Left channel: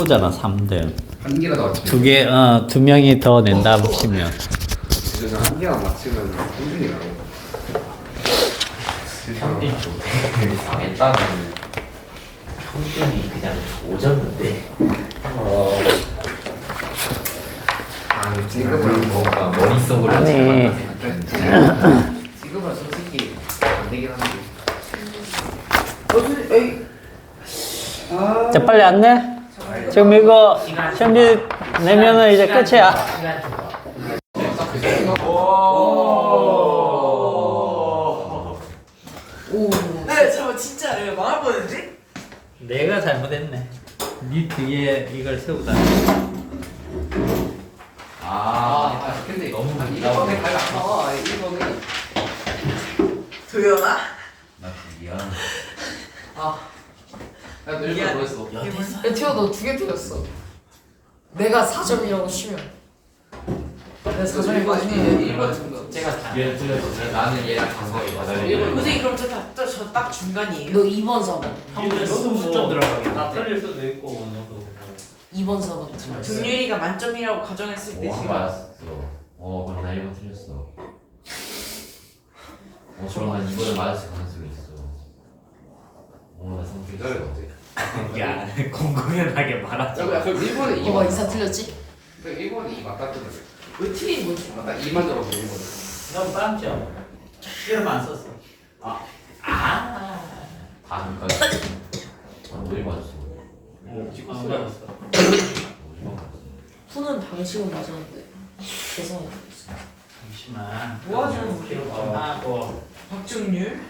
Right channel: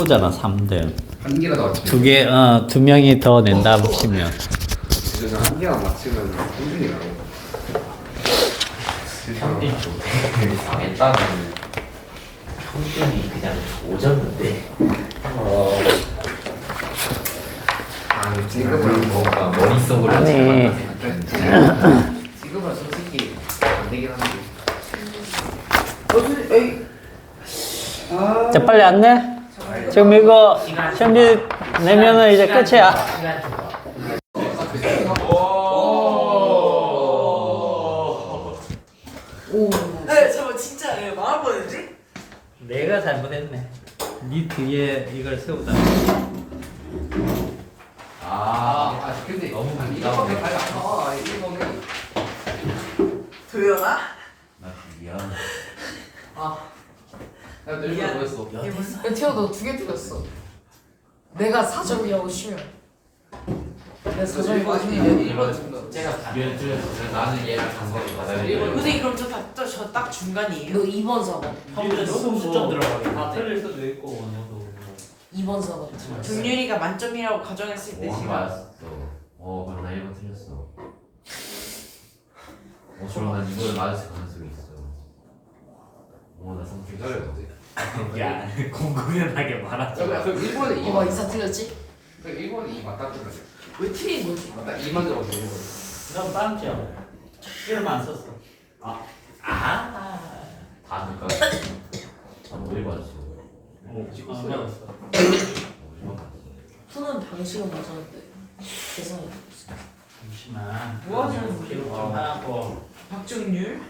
오잖아 3등. 한 개라도 맞추면. 두 명이 더 낸다 치면. 그래서 한 개만 맞추면 3등이라고. 평균 조퇴를 당했다는 평균이 그냥 오졌는데 지금은 뭔가 머릿속으로 아니. 지금은 솔직히 안 되긴 한데. 자 빨리 안 내? 지금 이거 현지 내면은 이제 끝이야. 시간 줘봐. 네, 잠깐 진짜 망할 뻔했지? 내가 잘못했네. 네 뒤에 이걸 세우다. 근데 너무 많이 나오네. 아, 이거는 도연아? 미안. 나 늙어 보였어. 에티오 너 2개 틀렸어. 내가 4점이라고 치면. 내가 4점이 맞으면 이건 제가 다. 나는 얘랑 장거리 받아야 선생님 그럼 저딱 중간이에요? 너 2번 4번. 너도 무점 들어가게. 다 틀릴 수도 있고 너도. 2번 4번 틀렸어. 준율이가 만점이라고 가정했을 때 오, 한 제가 맞았어. 그럼 나 1번 틀렸어. 저랑 난 이번에 맞았을 가능성이 있어. 나 성격이 기다려. 야, 공공연하게 말하자. 그럼 1번에 2 어, 이사 틀렸지? 1번에 2 맞다 뜨면 돼. 의틀이 뭐지? 맞다 2만 들어도 1번. 넌 빵점. 이름 안 썼어. 다 그니까. 왜 맞았어? 안 잡았어. 후는 방식은 맞았는데. 죄송해요. 잠시만. 뭐 하시는 기록 좀 하고. 박정률?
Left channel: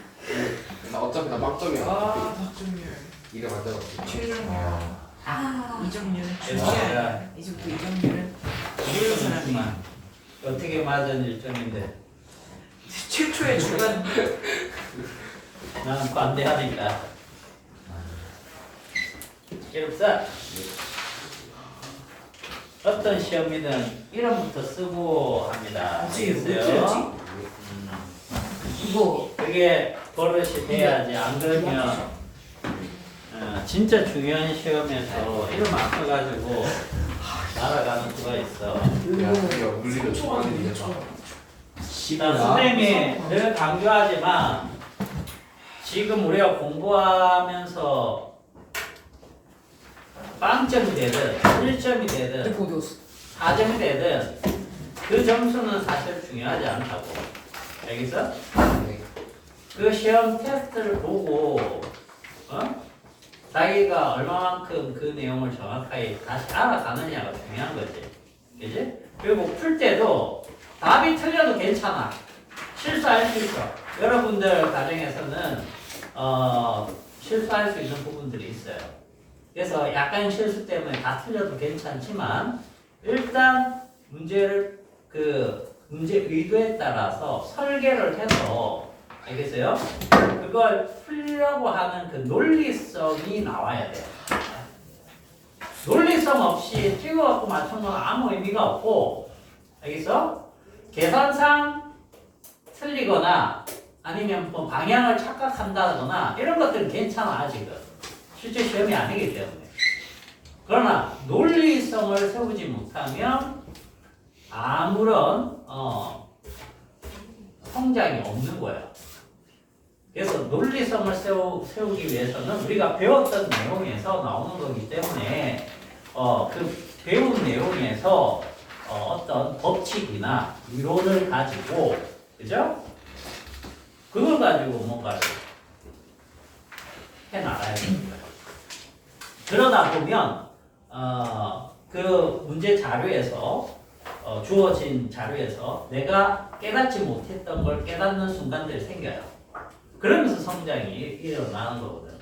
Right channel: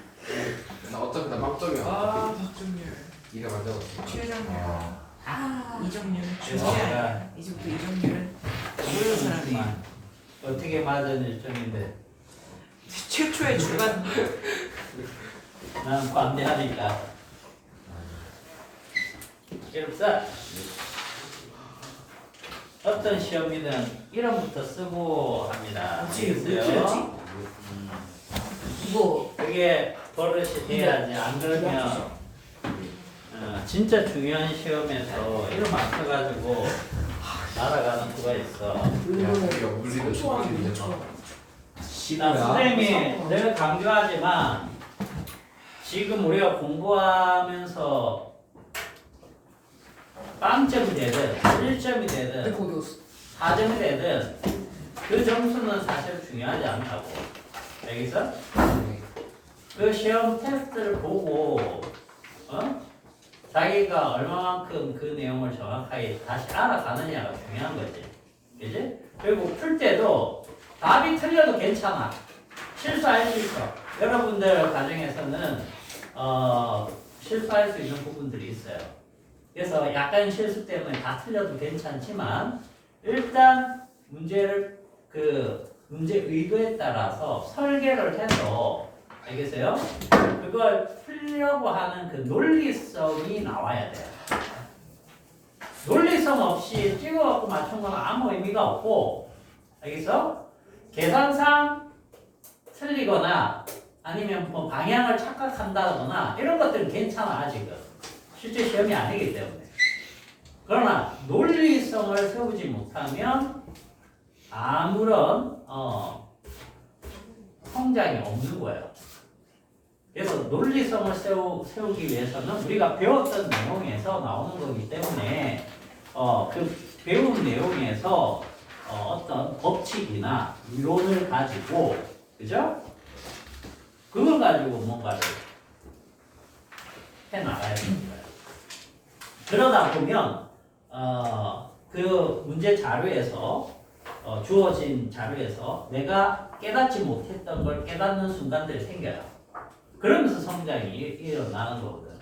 나 어차피 나 빵점이야. 박정률 이름 안 잡았어. 최정률 이정률 그래서 내가 이제부터 이정률은 이름 잠시만. 어떻게 맞은 일정인데. 최초의 주간 난 관대하니까. 이름 써. 어떤 시험이든 이름부터 쓰고 합니다. 아시겠어요? 이거 그게 버릇이 돼야지. 안 그러면 진짜 중요한 시험에서 이름 안 써가지고 날아가는 수가 있어. 이거 물리를 좋아하는데. 나 선생님이 늘 강조하지만 지금 우리가 공부하면서 빵점이 되든 1점이 되든 이거 어디 갔어? 4점이 되든 그 점수는 사실 중요하지 않다고. 알겠어? 그 시험 테스트를 보고 자기가 얼마만큼 그 내용을 정확하게 다시 알아가느냐가 중요한 거지. 그지? 그리고 풀 때도 답이 틀려도 괜찮아. 실수할 수 있어. 여러분들 과정에서는 실수할 수 있는 부분들이 있어요. 그래서 약간 실수 때문에 다 틀려도 괜찮지만 일단 문제를 문제 의도에 따라서 설계를 해서 알겠어요? 그걸 풀려고 하는 그 논리성이 나와야 돼요. 논리성 없이 찍어갖고 맞춘 건 아무 의미가 없고, 알겠어? 계산상 틀리거나 아니면 뭐 방향을 착각한다거나 이런 것들은 괜찮아 아직은. 실제 시험이 아니기 때문에. 그러나 논리성을 세우지 못하면 아무런 성장이 없는 거예요. 그래서 논리성을 세우기 위해서는 우리가 배웠던 내용에서 나오는 거기 때문에 그 배운 내용에서 어떤 법칙이나 이론을 가지고, 그죠? 그걸 가지고 뭔가를 해나가야 되는 거예요. 그러다 보면 그 문제 자료에서 주어진 자료에서 내가 깨닫지 못했던 걸 깨닫는 순간들이 생겨요. 그러면서 성장이 일어나는 거거든.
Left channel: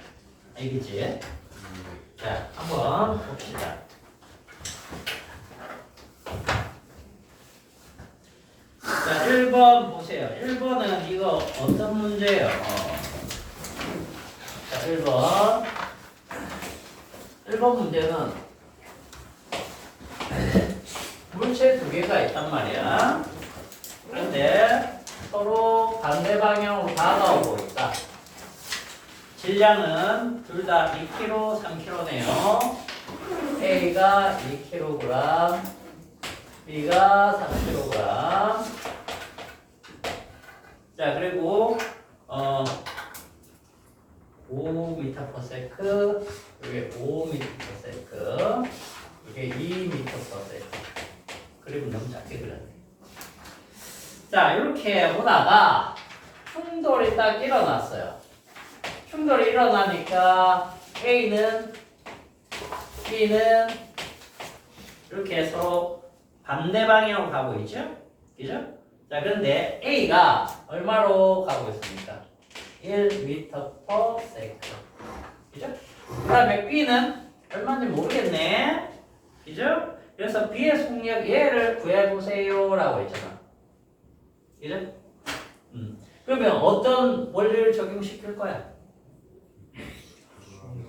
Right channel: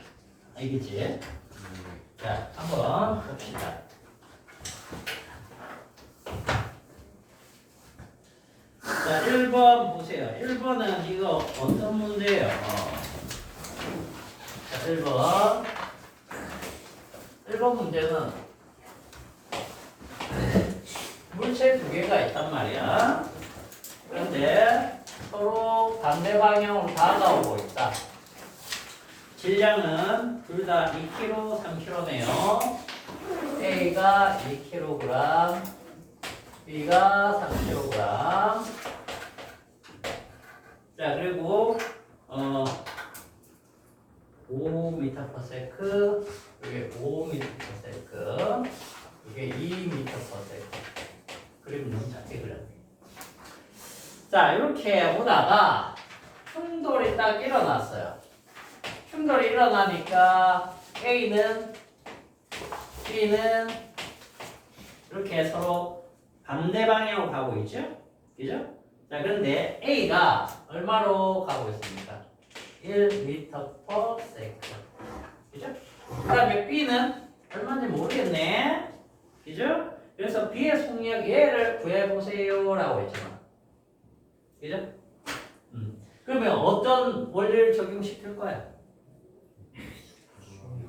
알겠지? 자, 한번 봅시다. 자, 1번 보세요. 1번은 이거 어떤 문제예요? 자, 1번. 1번 문제는 물체 두 개가 있단 말이야. 그런데 서로 반대 방향으로 다가오고 있다. 질량은 둘 다 2kg, 3kg네요. A가 2kg, B가 3kg. 자, 그리고 5m/s, 이게 5m/s, 이게 2m/s. 그림은 너무 작게 그렸네. 자, 이렇게 보다가 충돌이 딱 일어났어요. 충돌이 일어나니까 A는 B는 이렇게 서로 반대 방향으로 가고 있죠? 그죠? 자, 그런데 A가 얼마로 가고 있습니까? 1m/s. 그죠? 그 다음에 B는 얼마인지 모르겠네. 그죠? 그래서 B의 속력 얘를 구해보세요 라고 했잖아. 그죠? 그러면 어떤 원리를 적용시킬 거야?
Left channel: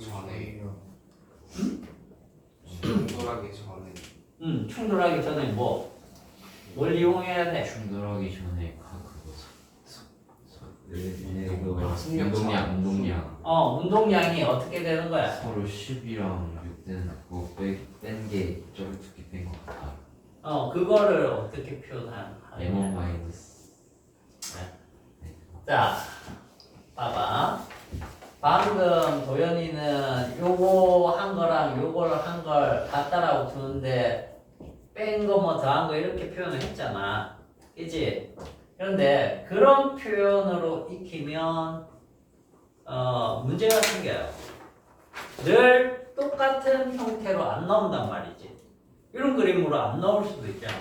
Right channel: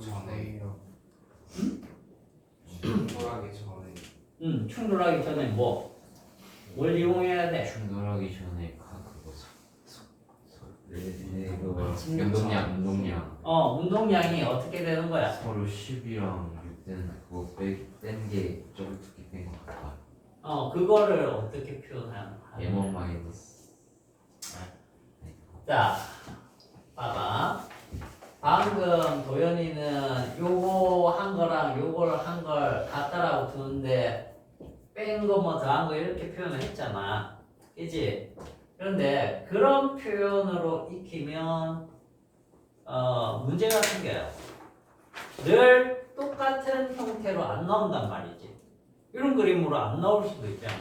전에 충돌하기 전에 충돌하기 전에 뭐? 뭘 이용해야 돼? 충돌하기 전에 운동량 운동량이 어떻게 되는 거야? 서로 10이랑 6는 그거 뺀게 저기 두개 뺀것 같아. 그거를 어떻게 표현하냐? M1 마이너스. 자, 봐봐. 방금 도현이는 요거 한 거랑 요걸 한 걸 같다라고 두는데 뺀 거 뭐 더한 거 이렇게 표현을 했잖아. 그치? 그런데 그런 표현으로 익히면 문제가 생겨요. 늘 똑같은 형태로 안 나온단 말이지. 이런 그림으로 안 나올 수도 있잖아.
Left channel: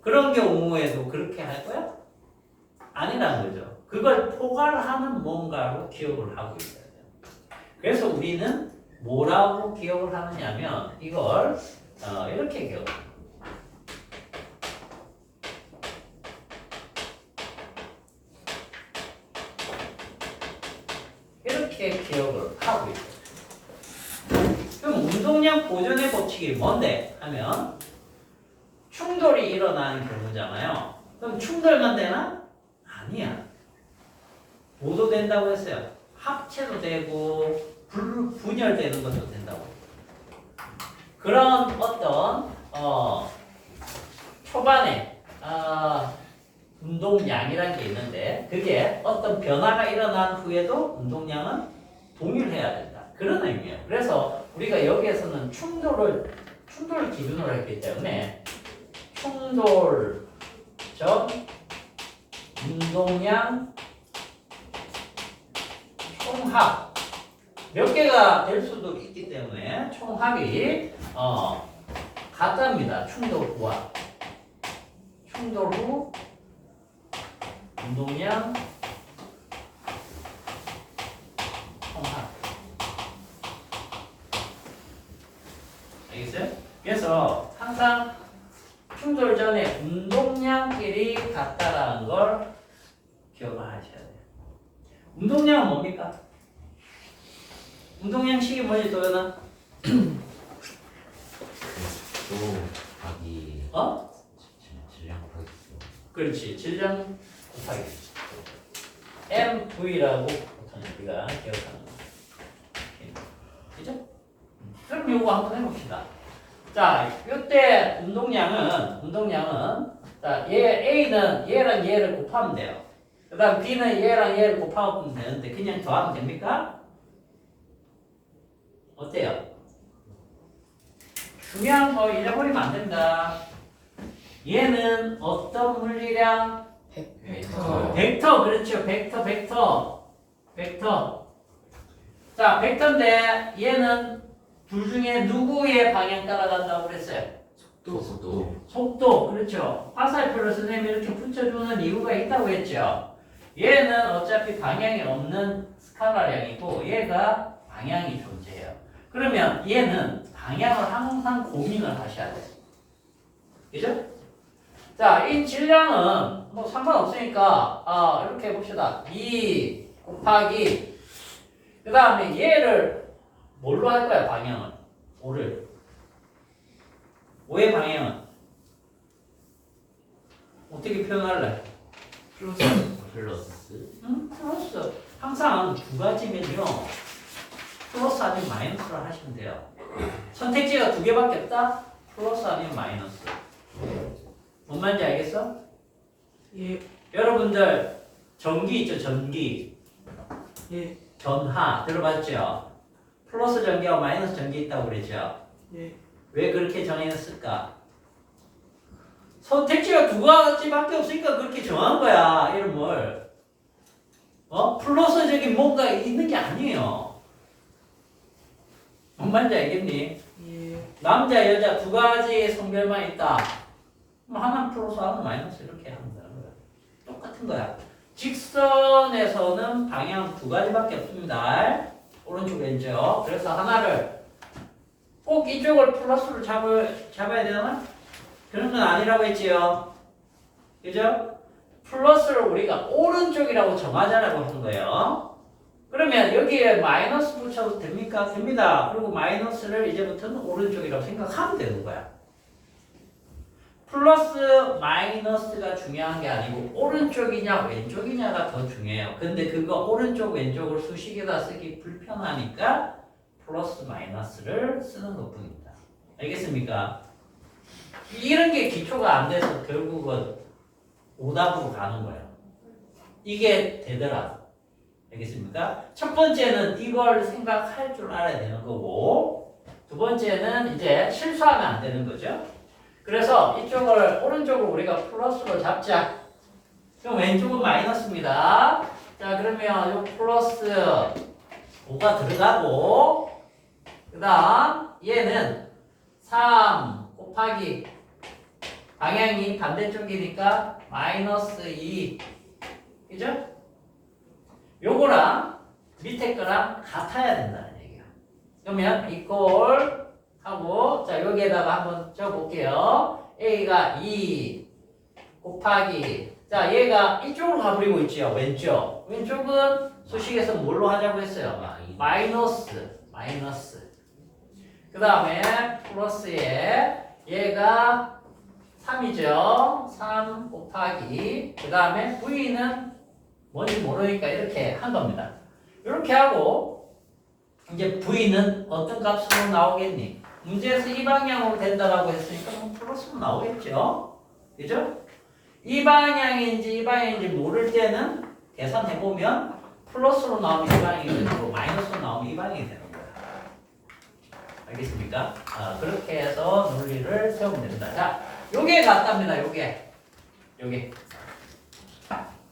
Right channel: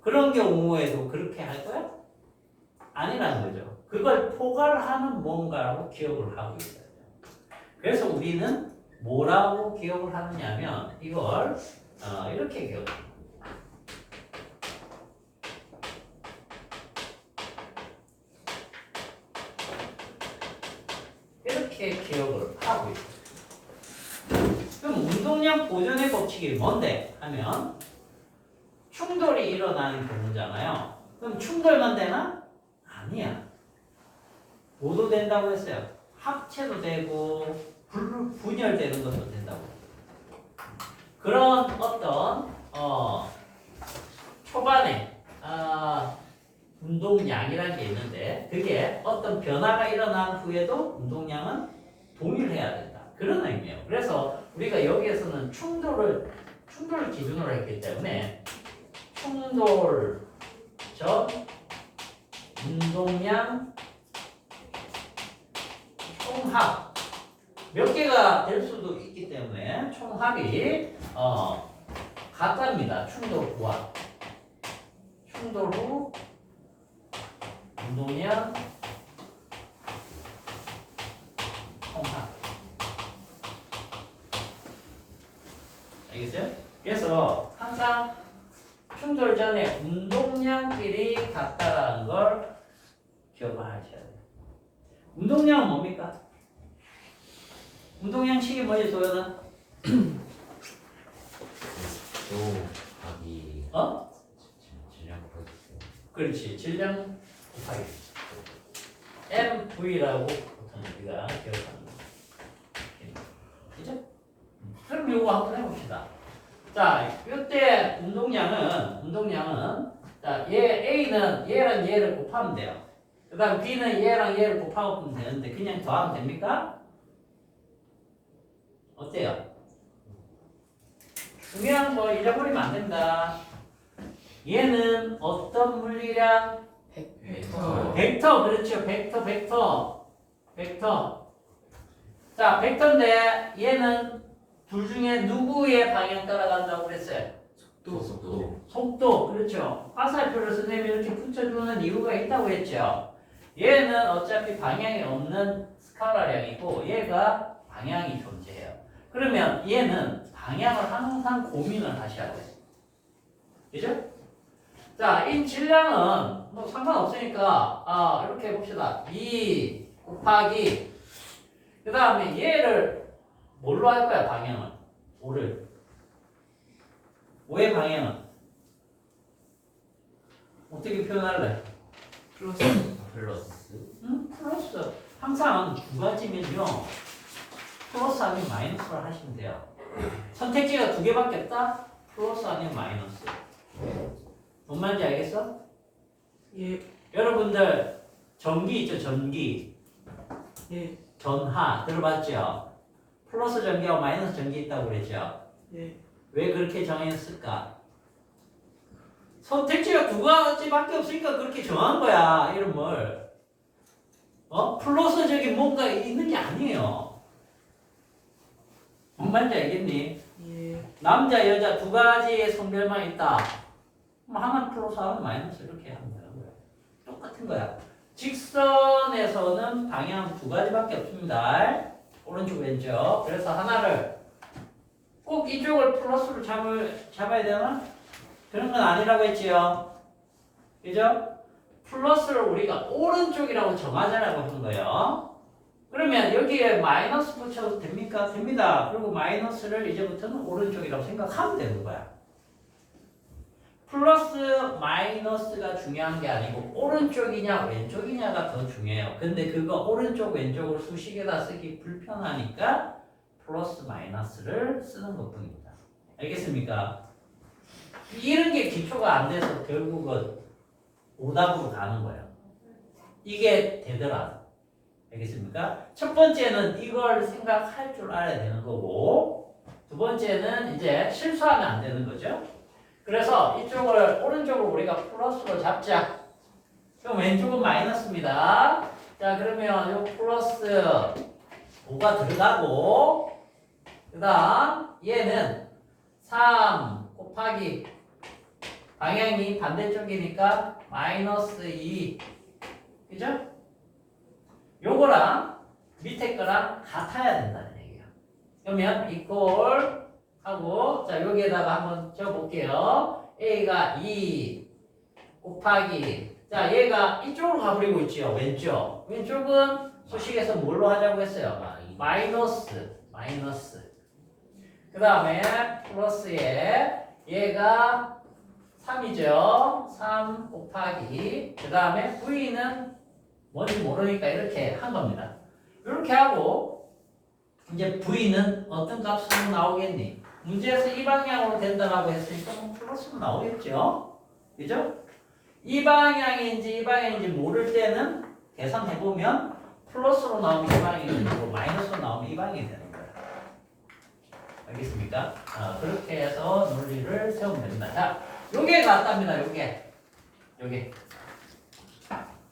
그런 경우에도 그렇게 할 거야? 아니라는 거죠. 그걸 포괄하는 뭔가로 기억을 하고 있어야 돼요. 그래서 우리는 뭐라고 기억을 하느냐면 이걸 이렇게 기억을 해요. 이렇게 기억을 하고 있어요. 그럼 운동량 보존의 법칙이 뭔데? 하면 충돌이 일어나는 경우잖아요. 그럼 충돌만 되나? 아니야. 뭐도 된다고 했어요. 합체도 되고 분열되는 것도 된다고. 그런 어떤 초반에 운동량이라는 게 있는데 그게 어떤 변화가 일어난 후에도 운동량은 동일해야 된다. 그런 의미예요. 그래서 우리가 여기에서는 충돌을 기준으로 했기 때문에 충돌 전 운동량 총합 몇 개가 될 수도 있기 때문에 총합이 같답니다. 충돌 후와 충돌 후 운동량 총합. 알겠어요? 그래서 항상 충돌 전에 운동량끼리 같다라는 걸 기억을 하셔야 돼요. 운동량은 뭡니까? 운동량식이 뭐지, 도연아? 곱하기 질량 곱하기 그렇지. 질량 곱하기 MV라고 보통 우리가 기억하는 거. 그죠? 그럼 요거 한번 해봅시다. 자, 이때 운동량은 자, A는 얘랑 얘를 곱하면 돼요. 그 다음 B는 얘랑 얘를 곱하면 되는데 그냥 더하면 됩니까? 어때요? 중요한 거 잊어버리면 안 된다. 얘는 어떤 물리량? 벡터, 그렇죠. 벡터. 자, 벡터인데 얘는 둘 중에 누구의 방향 따라간다고 그랬어요? 속도, 그렇죠. 화살표를 선생님이 이렇게 붙여주는 이유가 있다고 했죠. 얘는 어차피 방향이 없는 스칼라량이고 얘가 방향이 존재해요. 그러면 얘는 방향을 항상 고민을 하셔야 돼요. 그죠? 자, 이 질량은 뭐 상관없으니까 이렇게 해봅시다. 2 곱하기 그 다음에 얘를 뭘로 할 거야, 방향은? 5의 방향은 어떻게 표현할래? 플러스 플러스. 항상 두 가지면요. 플러스 아니면 마이너스로 하시면 돼요. 선택지가 두 개밖에 없다? 플러스 아니면 마이너스. 뭔 말인지 알겠어? 예. 여러분들 전기 있죠, 전기. 예. 전하 들어봤죠? 플러스 전기하고 마이너스 전기 있다고 그랬죠? 예. 왜 그렇게 정했을까? 선택지가 두 가지밖에 없으니까 그렇게 정한 거야, 이름을. 플러스적인 뭔가 있는 게 아니에요. 뭔 말인지 알겠니? 예. 남자, 여자 두 가지의 성별만 있다. 그럼 하나는 플러스, 하나는 마이너스 이렇게 하면 되는 거야. 똑같은 거야. 직선에서는 방향 두 가지밖에 없습니다. 오른쪽, 왼쪽. 그래서 하나를 꼭 이쪽을 플러스로 잡아야 되나? 그런 건 아니라고 했지요. 그죠? 플러스를 우리가 오른쪽이라고 정하자라고 한 거예요. 그러면 여기에 마이너스 붙여도 됩니까? 됩니다. 그리고 마이너스를 이제부터는 오른쪽이라고 생각하면 되는 거야. 플러스 마이너스가 중요한 게 아니고 오른쪽이냐 왼쪽이냐가 더 중요해요. 근데 그거 오른쪽 왼쪽을 수식에다 쓰기 불편하니까 플러스 마이너스를 쓰는 것뿐입니다. 알겠습니까? 이런 게 기초가 안 돼서 결국은 오답으로 가는 거예요. 이게 되더라. 알겠습니까? 첫 번째는 이걸 생각할 줄 알아야 되는 거고, 두 번째는 이제 실수하면 안 되는 거죠. 그래서 이쪽을 오른쪽으로 우리가 플러스로 잡자. 그럼 왼쪽은 마이너스입니다. 자, 그러면 요 플러스 5가 들어가고, 그 다음 얘는 3 곱하기 방향이 반대쪽이니까 마이너스 2. 그죠? 요거랑 밑에 거랑 같아야 된다는 얘기예요. 그러면 이꼴 하고, 자, 여기에다가 한번 적어볼게요. A가 2 곱하기, 자, 얘가 이쪽으로 가버리고 있죠. 왼쪽. 왼쪽은 수식에서 뭘로 하자고 했어요? 마이너스. 그 다음에 플러스에 얘가 3이죠. 3 곱하기, 그 다음에 V는 뭔지 모르니까 이렇게 한 겁니다. 이렇게 하고, 이제 V는 어떤 값으로 나오겠니? 문제에서 이 방향으로 된다고 했으니까 플러스로 나오겠죠? 그죠? 이 방향인지 이 방향인지 모를 때는 계산해보면 플러스로 나오면 이 방향이 되고 마이너스로 나오면 이 방향이 되는 거예요. 알겠습니까? 그렇게 해서 논리를 세우면 됩니다. 자, 요게 같답니다. 요게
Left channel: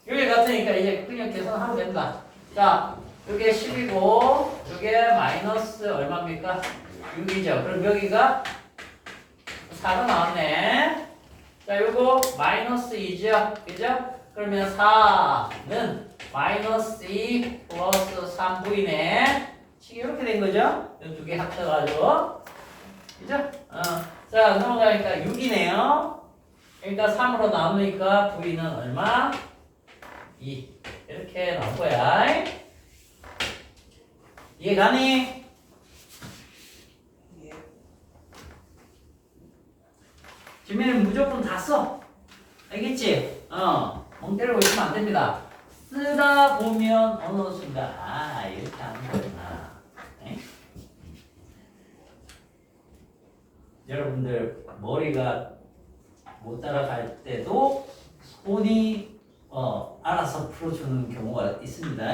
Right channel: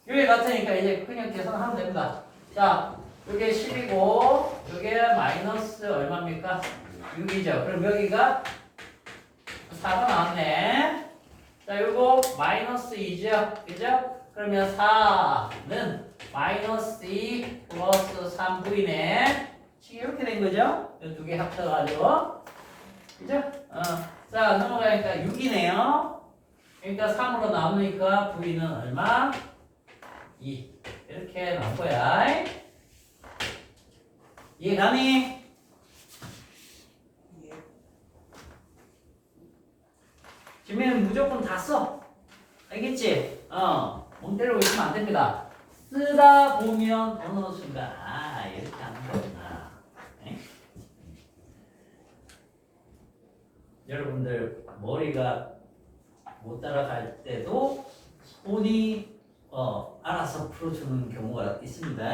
같으니까 이제 그냥 계산하면 됩니다. 자, 요게 10이고 요게 마이너스 얼마입니까? 6이죠. 그럼 여기가 4가 나왔네. 자, 요거 마이너스 2죠. 그죠? 그러면 4는 마이너스 2 플러스 3V네. 이렇게 된 거죠? 이 두 개 합쳐가지고. 그죠? 자, 넘어가니까 6이네요. 그러니까 3으로 나오니까 V는 얼마? 2. 이렇게 나올 거야. 이해가니? 예. 지민은 무조건 다 써. 알겠지? 멍 때리고 있으면 안 됩니다. 쓰다 보면 어느 순간, 이렇게 하는 거구나. 네? 여러분들, 머리가 못 따라갈 때도 손이 알아서 풀어주는 경우가 있습니다.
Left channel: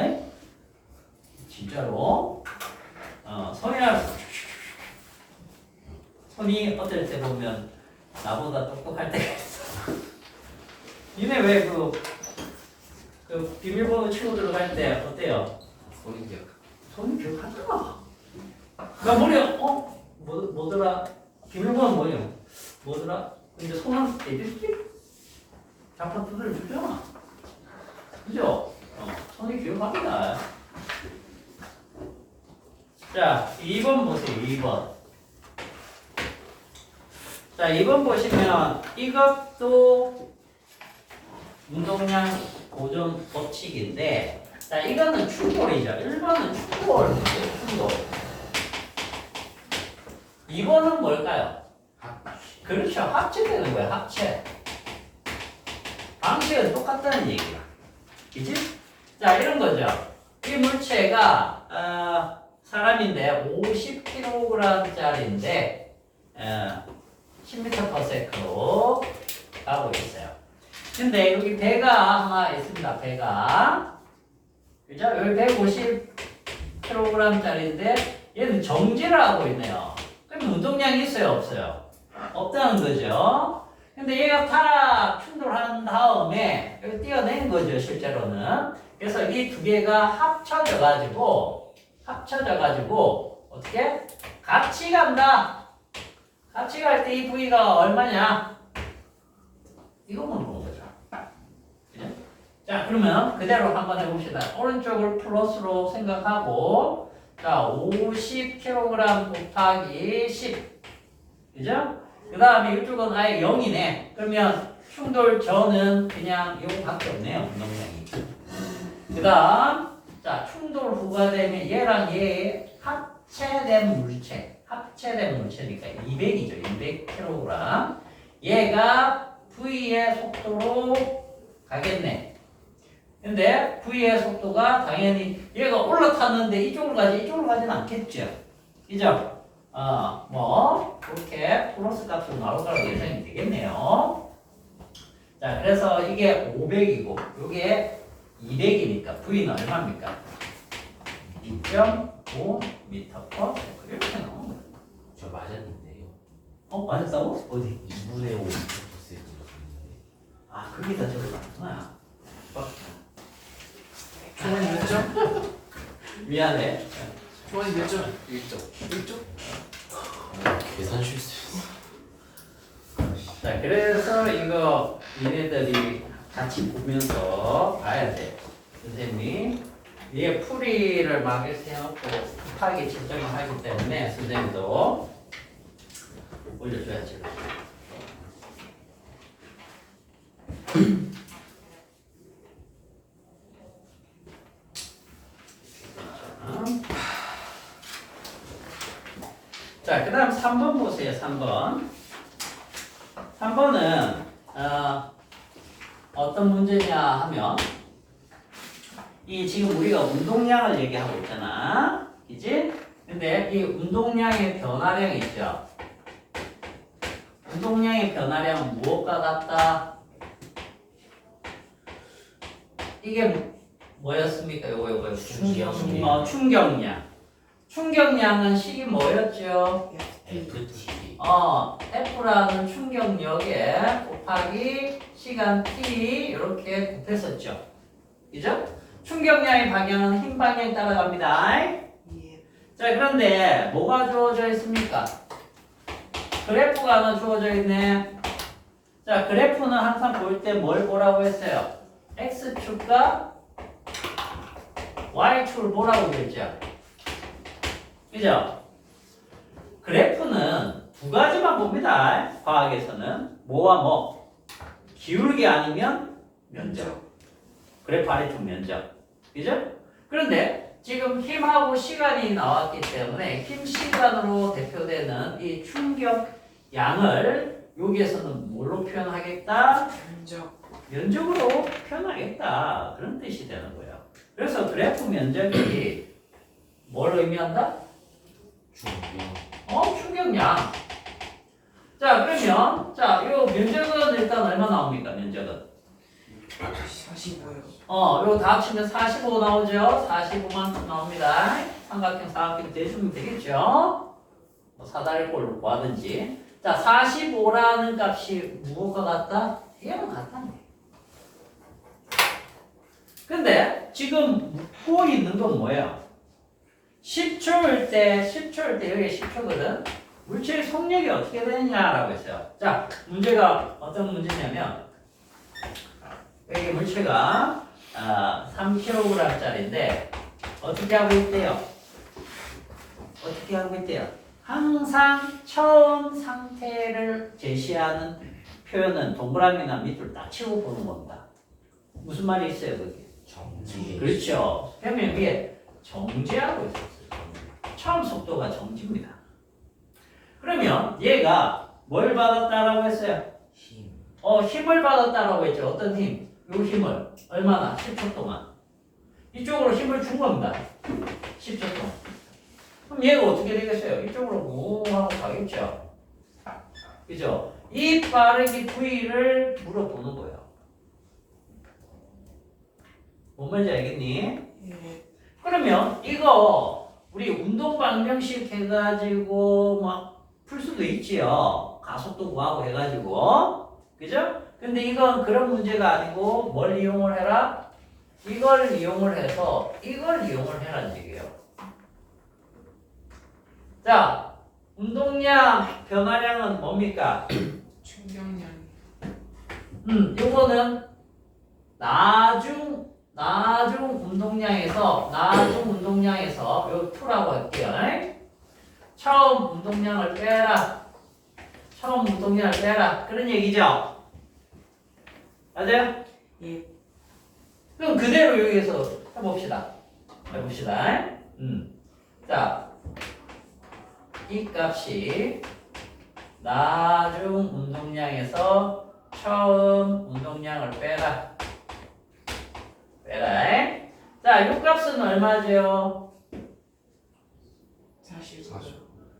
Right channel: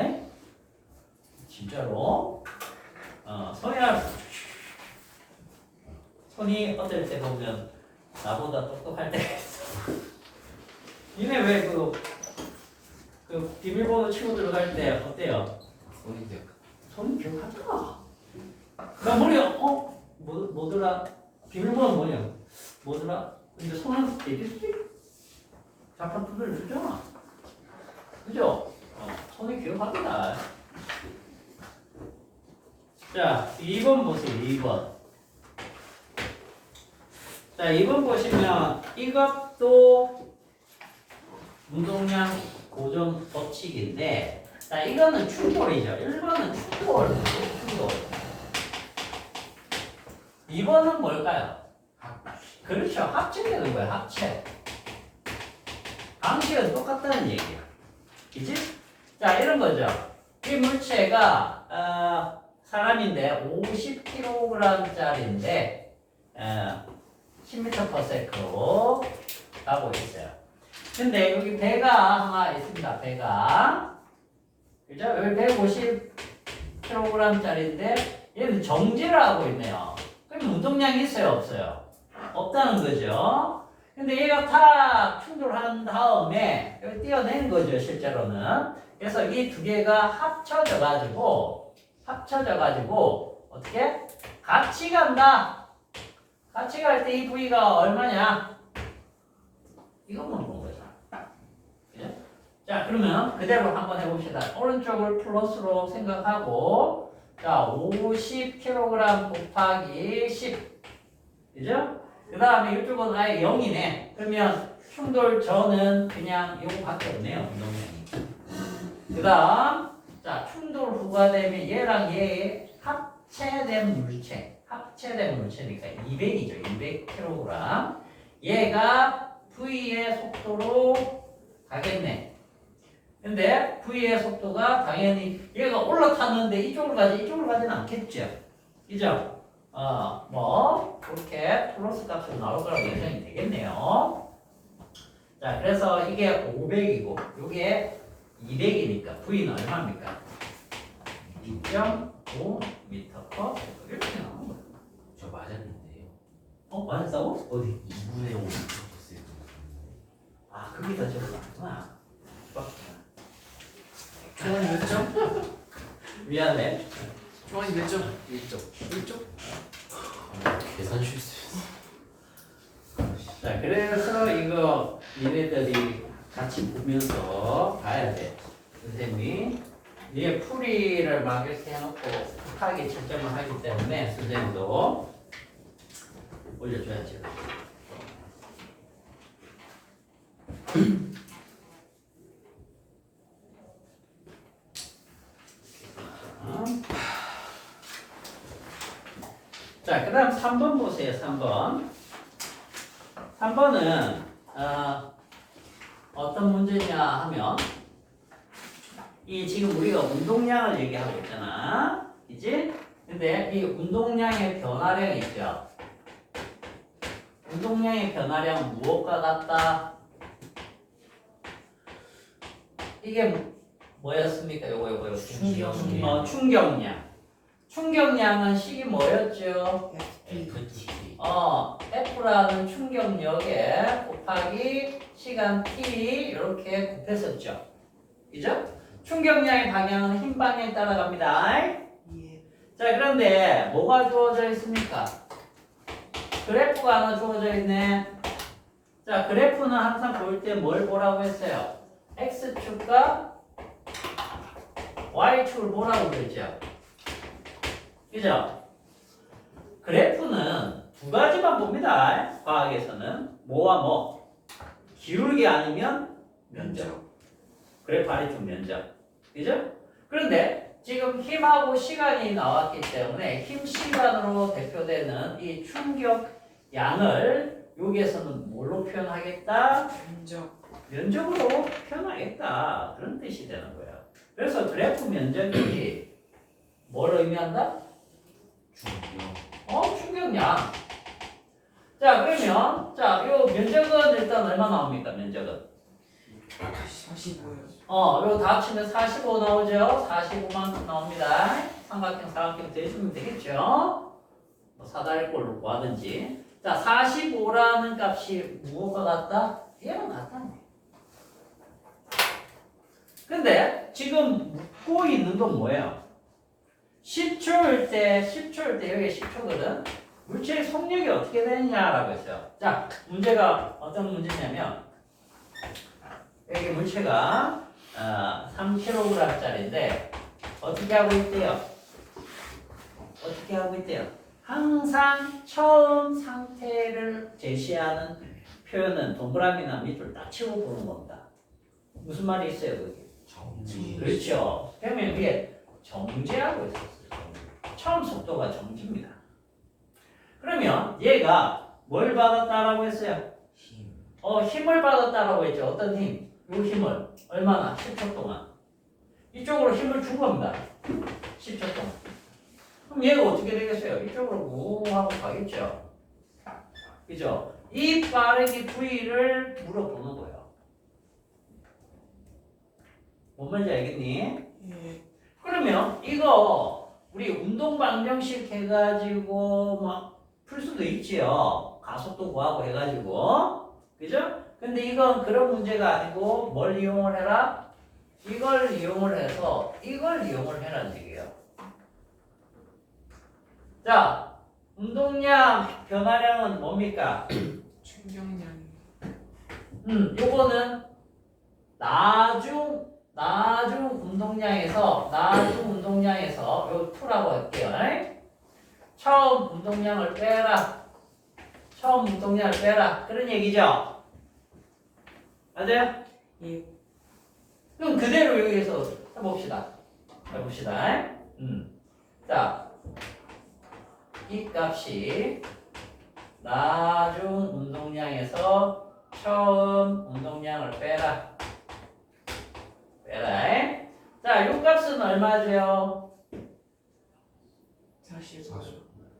진짜로. 손이 어떨 때 보면 나보다 똑똑할 때가 있어. 니네 왜 그 비밀번호 치고 들어갈 때 어때요? 손이 기억하잖아. 나 머리야, 뭐더라? 비밀번호 뭐더라? 근데 손은 대비스키? 자판 두드려 주잖아. 그죠? 손이 기억합니다. 자, 2번 보세요, 2번. 자, 2번 보시면 이것도 운동량 고정 법칙인데, 자, 이거는 충돌이죠. 1번은 충돌. 2번은 뭘까요? 그렇죠. 합체되는 거야, 합체. 방식은 똑같다는 얘기야. 그치? 자, 이런 거죠. 이 물체가 사람인데 50kg짜리인데 10m/s로 가고 있어요. 근데 여기 배가 하나 있습니다. 배가 그죠? 여기 150kg짜리인데 얘는 정지를 하고 있네요. 그럼 운동량이 있어요, 없어요? 없다는 거죠. 근데 얘가 탁 충돌한 다음에 여기 띄어낸 거죠, 실제로는. 그래서 이 두 개가 합쳐져 가지고 어떻게? 같이 간다. 같이 갈 때 이 부위가 얼마냐? 이거 물어본 거죠. 그죠? 자, 그러면 그대로 한번 해봅시다. 오른쪽을 플러스로 생각하고, 자, 50kg 곱하기 10. 그죠? 그 다음에 이쪽은 아예 0이네. 그러면 충돌 전은 그냥 이거밖에 없네요, 운동량이. 그 다음, 자, 충돌 후가 되면 얘랑 얘의 합체된 물체니까 200이죠, 200kg. 얘가 V의 속도로 가겠네. 근데 V의 속도가 당연히 얘가 올라탔는데 이쪽으로 가지는 않겠죠. 그죠? 뭐 그렇게 플러스 값으로 나올 거라고 예상이 되겠네요. 자, 그래서 이게 500이고 이게 200이니까 V는 얼마입니까? 2.5m/s 이렇게 나오는 거예요. 저 맞았는데요. 맞았다고? 어디? 2분의 5 아, 거기다 적어놨구나. 저는 몇 점? 미안해. 저는 몇 점? 1점. 1점? 계산 실수. 자, 그래서 이거 얘네들이 같이 보면서 봐야 돼. 선생님이 얘 풀이를 막 이렇게 해놓고 급하게 채점을 하기 때문에 선생님도 올려줘야지. 자, 그 다음 3번 보세요. 3번. 3번은 어떤 문제냐 하면 이 지금 우리가 운동량을 얘기하고 있잖아. 그지? 근데 이 운동량의 변화량이 있죠. 운동량의 변화량은 무엇과 같다? 이게 뭐였습니까? 요거. 충격량. 충격량. 충격량은 식이 뭐였죠? FT. F라는 충격력에 곱하기 시간 t 이렇게 곱했었죠. 그죠? 충격량의 방향은 흰 방향에 따라갑니다. 예. 자, 그런데 뭐가 주어져 있습니까? 그래프가 하나 주어져 있네. 자, 그래프는 항상 볼 때 뭘 보라고 했어요? X축과 Y축을 보라고 그랬죠. 그죠? 그래프는 두 가지만 봅니다. 과학에서는 뭐와 뭐? 기울기 아니면 면적. 그래프 아래쪽 면적. 그죠? 그런데 지금 힘하고 시간이 나왔기 때문에 힘 시간으로 대표되는 이 충격 양을 여기에서는 뭘로 표현하겠다? 면적. 면적으로 표현하겠다. 그런 뜻이 되는 거예요. 그래서 그래프 면적이 뭘 의미한다? 충격. 충격량. 자, 그러면 요 면적은 일단 얼마 나옵니까? 면적은 45요. 요거 다 합치면 45 나오죠? 45만큼 나옵니다. 삼각형, 사각형 대주면 되겠죠? 뭐 사다리꼴로 구하든지. 자, 45라는 값이 무엇과 같다? 얘랑 같다네. 근데 지금 묻고 있는 건 뭐예요? 10초일 때 여기 10초거든? 물체의 속력이 어떻게 되느냐라고 했어요. 자, 문제가 어떤 문제냐면 여기 물체가 3kg짜리인데 어떻게 하고 있대요? 항상 처음 상태를 제시하는 표현은 동그라미나 밑줄 딱 치고 보는 겁니다. 무슨 말이 있어요, 그게? 정지. 그렇죠. 표면 위에 정지하고 있었어요. 처음 속도가 정지입니다. 그러면 얘가 뭘 받았다라고 했어요? 힘. 힘을 받았다라고 했죠. 어떤 힘? 요 힘을 얼마나? 10초 동안. 이쪽으로 힘을 준 겁니다. 10초 동안. 그럼 얘가 어떻게 되겠어요? 이쪽으로 뭉 하고 가겠죠. 그죠? 이 빠르기 V를 물어보는 거예요. 뭔 말인지 알겠니? 예. 그러면 이거 우리 운동 방정식 해가지고 막 풀 수도 있지요. 가속도 구하고 해가지고. 그죠? 근데 이건 그런 문제가 아니고 뭘 이용을 해라? 이걸 이용을 해서 이걸 이용을 해라는 얘기예요. 자, 운동량 변화량은 뭡니까? 충격량. 요거는 나중 운동량에서 요 2라고 할게요. 처음 운동량을 빼라. 그런 얘기죠. 맞아요? 예. 그럼 그대로 여기에서 해봅시다. 자, 이 값이 나중 운동량에서 처음 운동량을 빼라. 자, 요 값은 얼마죠? 40.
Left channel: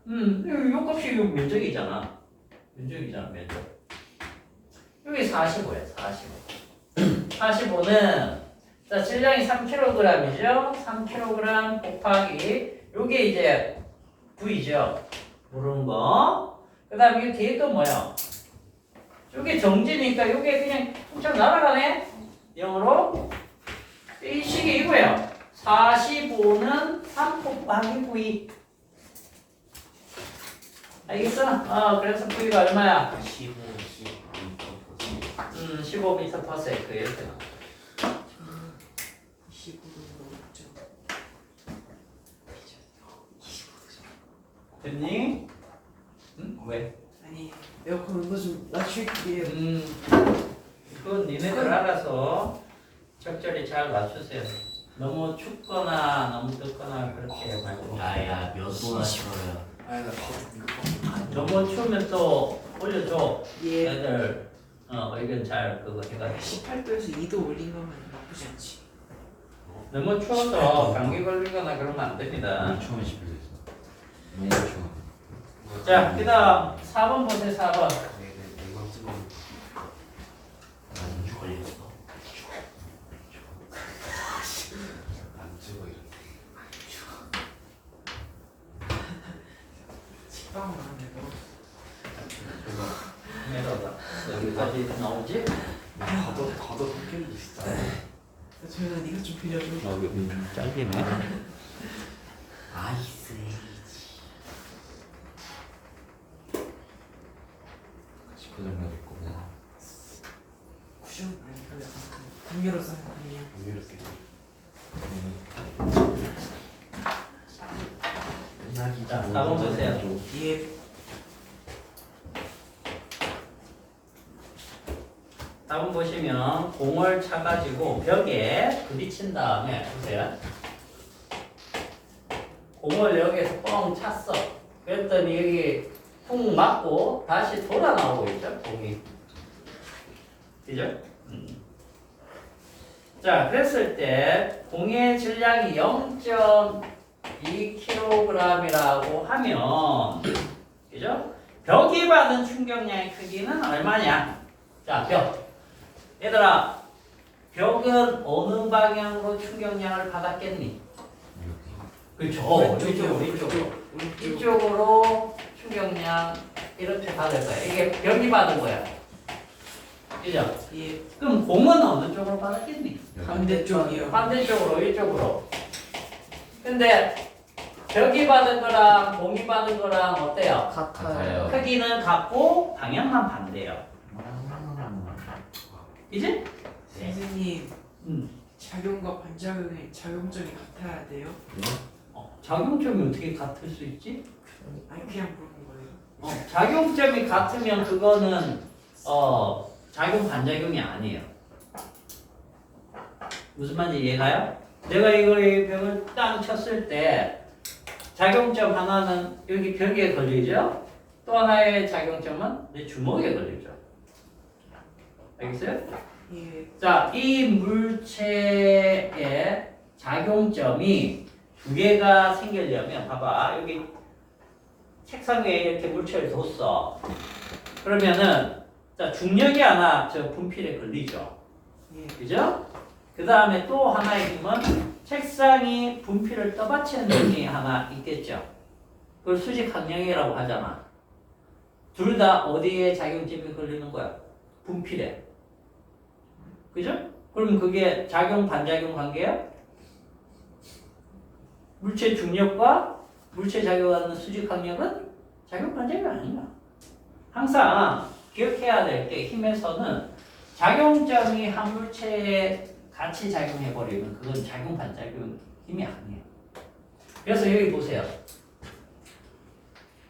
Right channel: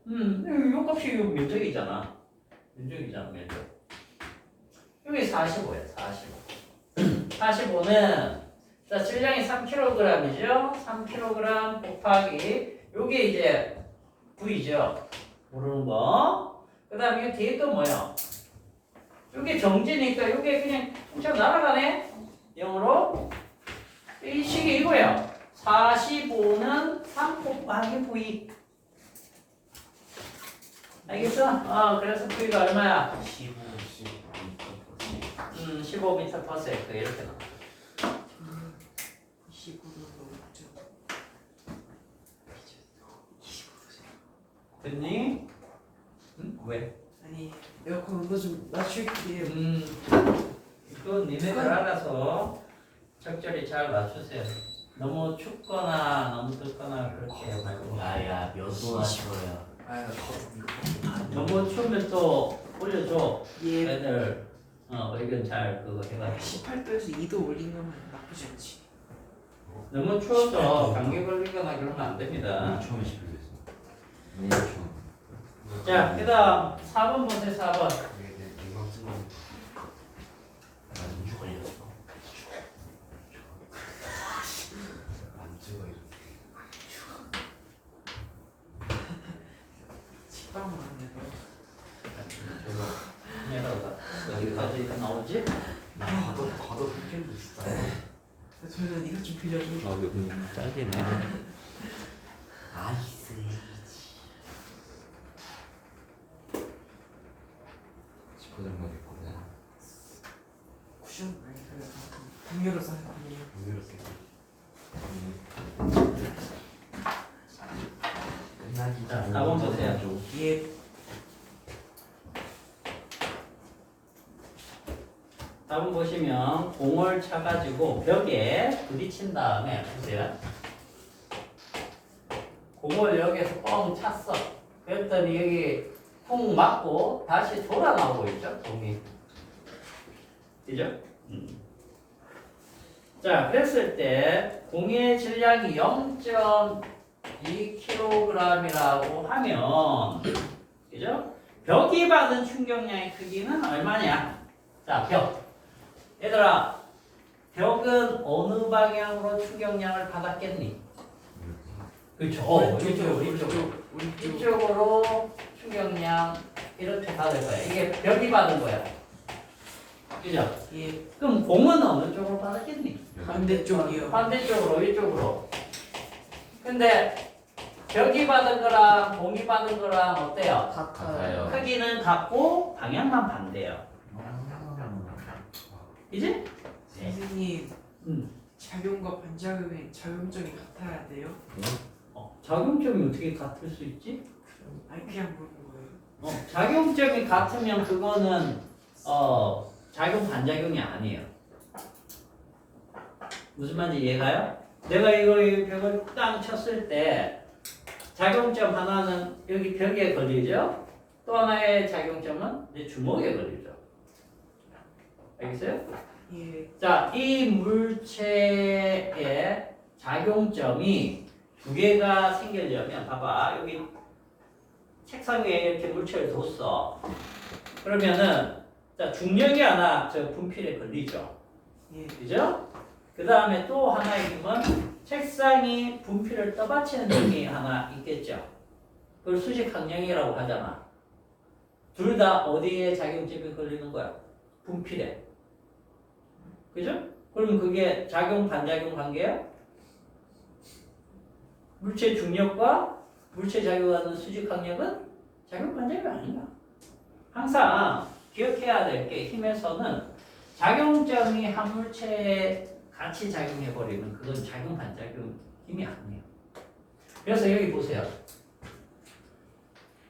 요 값이 요 면적이잖아. 면적. 여기 45야, 45는 자, 질량이 3kg이죠. 3kg 곱하기 요게 이제 V죠. 모르는 거. 그 다음에 이 뒤에 또 뭐야? 요게 정지니까 요게 그냥 통째로 날아가네. 0으로. 이 식이 이거예요. 45는 3 곱하기 V. 알겠어? 그래서 V가 얼마야? 15m/s 이렇게 나와. 29도 넘죠. 됐니? 왜? 아니 에어컨 온도 좀 낮출게요. 그건 니네들 알아서 적절히 잘 맞추세요. 너무 춥거나 너무 덥거나 그렇게 말고. 야야 몇 도나 싫어요. 아야 나도 너무 추우면 또 올려줘. 예. 애들 의견 잘 그거 해가지고. 18도에서 2도 올린 거면 나쁘지 않지. 너무 추워서 감기 걸리거나 그러면 안 됩니다. 처음에 집에서 너무 추워. 자, 그다음 4번 보세요. 4번. 나 인주 걸렸어. 안 찍어 이렇게. 식빵을 안 해도. 내려가. 여기까지 나오지? 가도 흑길도 진짜. 저는 이거 좀 빌려줘. 여기 짧게 아이스 에이지. 고정력 있구나. 쿠션 아니 그래. 분유로 싼 분유. 이렇게. 자, 4번 보세요. 예. 다음 보시면 공을 차가지고 벽에 부딪힌 다음에 보세요. 공을 여기에서 뻥 찼어. 그랬더니 여기 쿵 맞고 다시 돌아 나오고 있죠, 공이. 그죠? 자, 그랬을 때 공의 질량이 0.2kg이라고 하면, 그죠? 벽이 받은 충격량의 크기는 얼마냐? 자, 벽. 얘들아, 벽은 어느 방향으로 충격량을 받았겠니? 그렇죠. 이쪽으로 충격량 이렇게 받을 거야. 이게 벽이 받은 거야. 그죠? 예. 그럼 공은 어느 쪽으로 받았겠니? 반대쪽이요. 반대쪽으로, 이쪽으로. 근데 벽이 받은 거랑 공이 받은 거랑 어때요? 같아요. 크기는 같고 방향만 반대예요. 이제? 선생님 음. 작용과 반작용의 작용점이 같아야 돼요? 작용점이 어떻게 같을 수 있지? 아니 그냥 보는 거예요. 작용점이 같으면 그거는 작용 반작용이 아니에요. 무슨 말인지 이해가요? 내가 이 벽을 땅 쳤을 때 작용점 하나는 여기 벽에 걸리죠? 또 하나의 작용점은 내 주먹에 걸리죠. 알겠어요? 예. 자, 이 물체의 작용점이 두 개가 생기려면 봐봐 여기 책상 위에 이렇게 물체를 뒀어. 그러면은 자 중력이 하나 저 분필에 걸리죠. 예. 그죠? 그 다음에 또 하나의 힘은 책상이 분필을 떠받치는 힘이 하나 있겠죠. 그걸 수직 항력이라고 하잖아. 둘 다 어디에 작용점이 걸리는 거야? 분필에. 그죠? 그럼 그게 작용 반작용 관계야? 물체 중력과 물체 작용하는 수직 항력은 작용 반작용이 아니야. 항상 기억해야 될 게 힘에서는 작용점이 한 물체에 같이 작용해버리면 그건 작용 반작용 힘이 아니에요. 그래서 여기 보세요.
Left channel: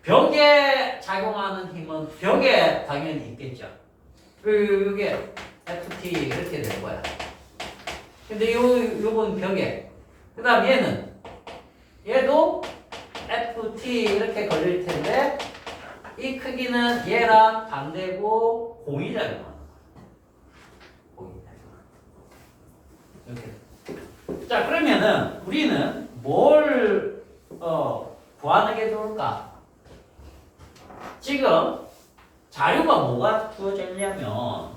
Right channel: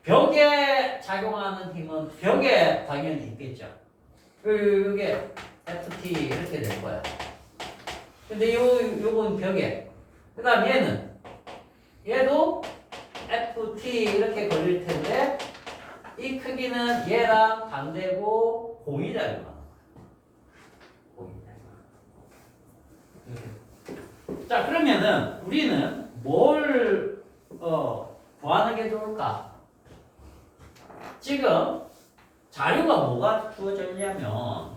벽에 작용하는 힘은 벽에 당연히 있겠죠. 이게 FT 이렇게 될 거야. 근데 요건 벽에. 그 다음 얘도 FT 이렇게 걸릴 텐데 이 크기는 얘랑 반대고 공이잖아. 이렇게. 자 그러면은 우리는 뭘 구하는 게 좋을까? 지금 자료가 뭐가 주어져 있냐면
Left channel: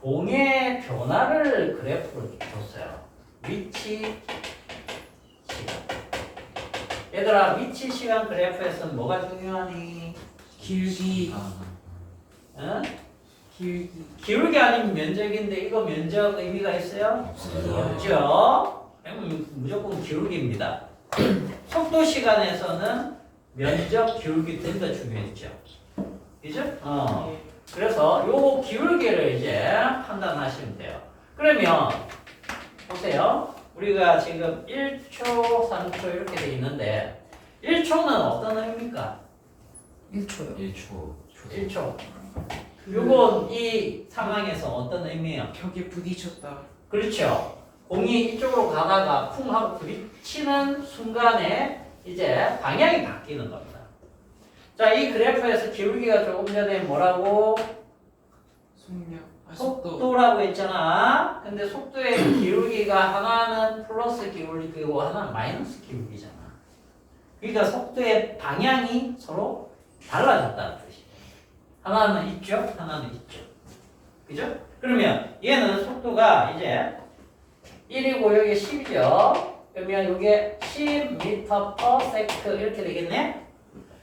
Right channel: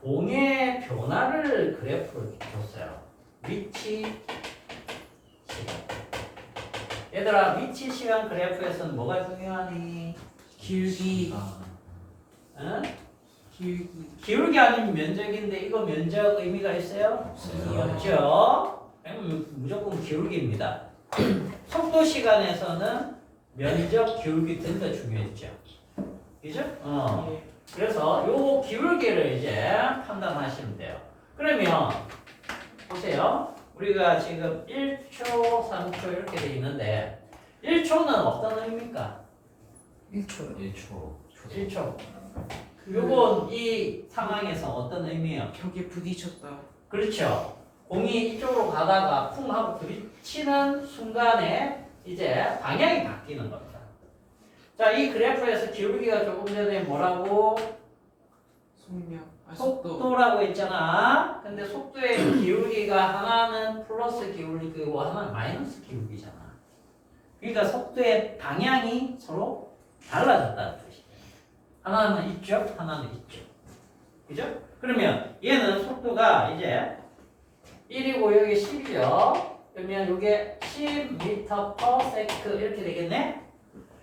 공의 변화를 그래프로 줬어요. 위치 시간. 얘들아 위치 시간 그래프에서는 뭐가 중요하니? 기울기. 응? 기울기. 아니면 면적인데 이거 면적 의미가 있어요? 없죠. 그러면 무조건 기울기입니다. 속도 시간에서는 면적 기울기 둘 다 중요했죠. 그죠? 예. 그래서 요 기울기를 이제 판단하시면 돼요. 그러면 보세요. 우리가 지금 1초, 3초 이렇게 돼 있는데 1초는 어떤 의미입니까? 1초요. 1초. 1초. 요건 이 상황에서 어떤 의미예요? 벽에 부딪혔다. 그렇죠. 공이 이쪽으로 가다가 쿵 하고 부딪히는 순간에 이제 방향이 바뀌는 겁니다. 자, 이 그래프에서 기울기가 조금 전에 뭐라고? 속력. 속도. 속도라고 했잖아. 근데 속도의 기울기가 하나는 플러스 기울기고 하나는 마이너스 기울기잖아. 그러니까 속도의 방향이 서로 달라졌다는 뜻이에요. 하나는 있죠, 하나는 있죠. 그죠? 그러면 얘는 속도가 이제 1이고 여기 10이죠. 그러면 이게 10m/s 이렇게 되겠네.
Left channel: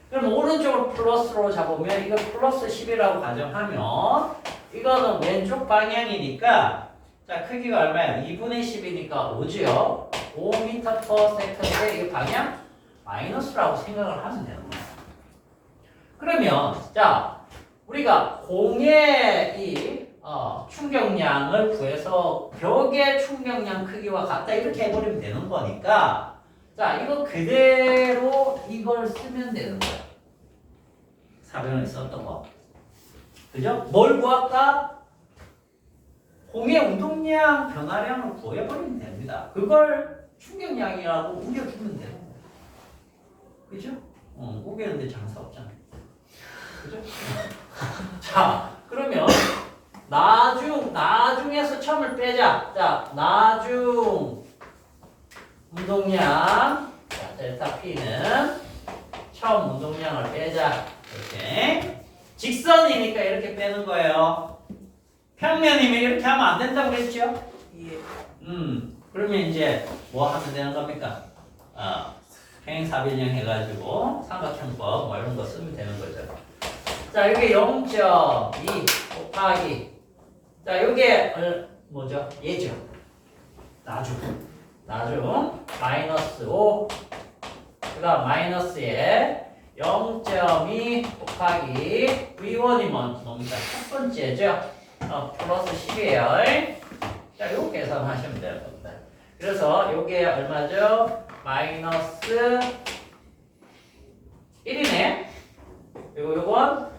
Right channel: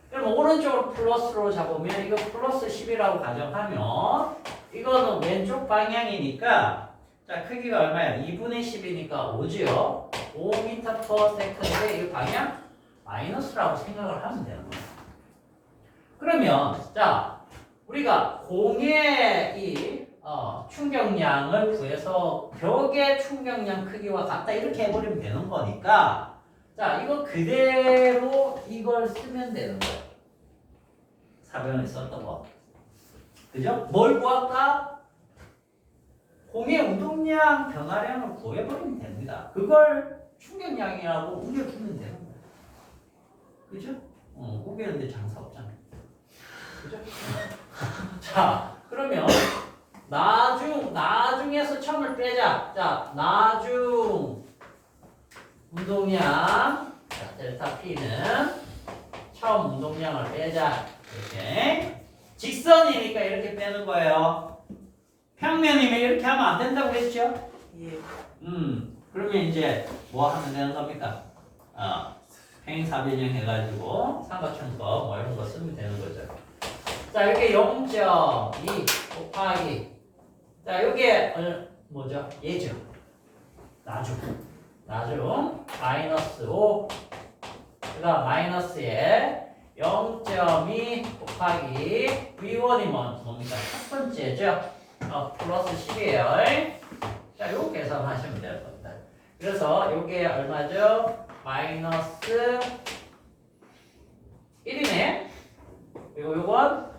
그럼 오른쪽으로 플러스로 잡으면 이거 플러스 10이라고 가정하면 이거는 왼쪽 방향이니까 자 크기가 얼마예요? 2분의 10이니까 5죠. 5m/s인데 이 방향 마이너스라고 생각을 하면 되는 거예요. 그러면 자 우리가 공의 이 충격량을 구해서 벽의 충격량 크기와 같다 이렇게 해버리면 되는 거니까 자 이거 그대로 이걸 쓰면 되는 거예요. 사변을 썼던 거. 그죠? 뭘 구할까? 공의 운동량 변화량을 구해버리면 됩니다. 그걸 충격량이라고 우겨주면 되는 거예요. 그죠? 우기는데 장사 없잖아. 그죠? 자, 그러면 나중에서 처음을 빼자. 자, 나중 운동량 자, 델타 P는 처음 운동량을 빼자. 이렇게 직선이니까 이렇게 빼는 거예요. 평면이면 이렇게 하면 안 된다고 했죠? 예. 그러면 이제 뭐 하면 되는 겁니까? 평행사변형 해가지고 삼각형법 뭐 이런 거 쓰면 되는 거죠. 자, 이게 0.2 곱하기 자, 이게 뭐죠? 얘죠. 나중 마이너스 5 그다음 마이너스에 0.2 곱하기 V1이 뭡니까? 첫 번째죠. 플러스 10이에요. 자, 이거 계산하시면 될 겁니다. 그래서 이게 얼마죠? 마이너스 1이네. 그리고 이건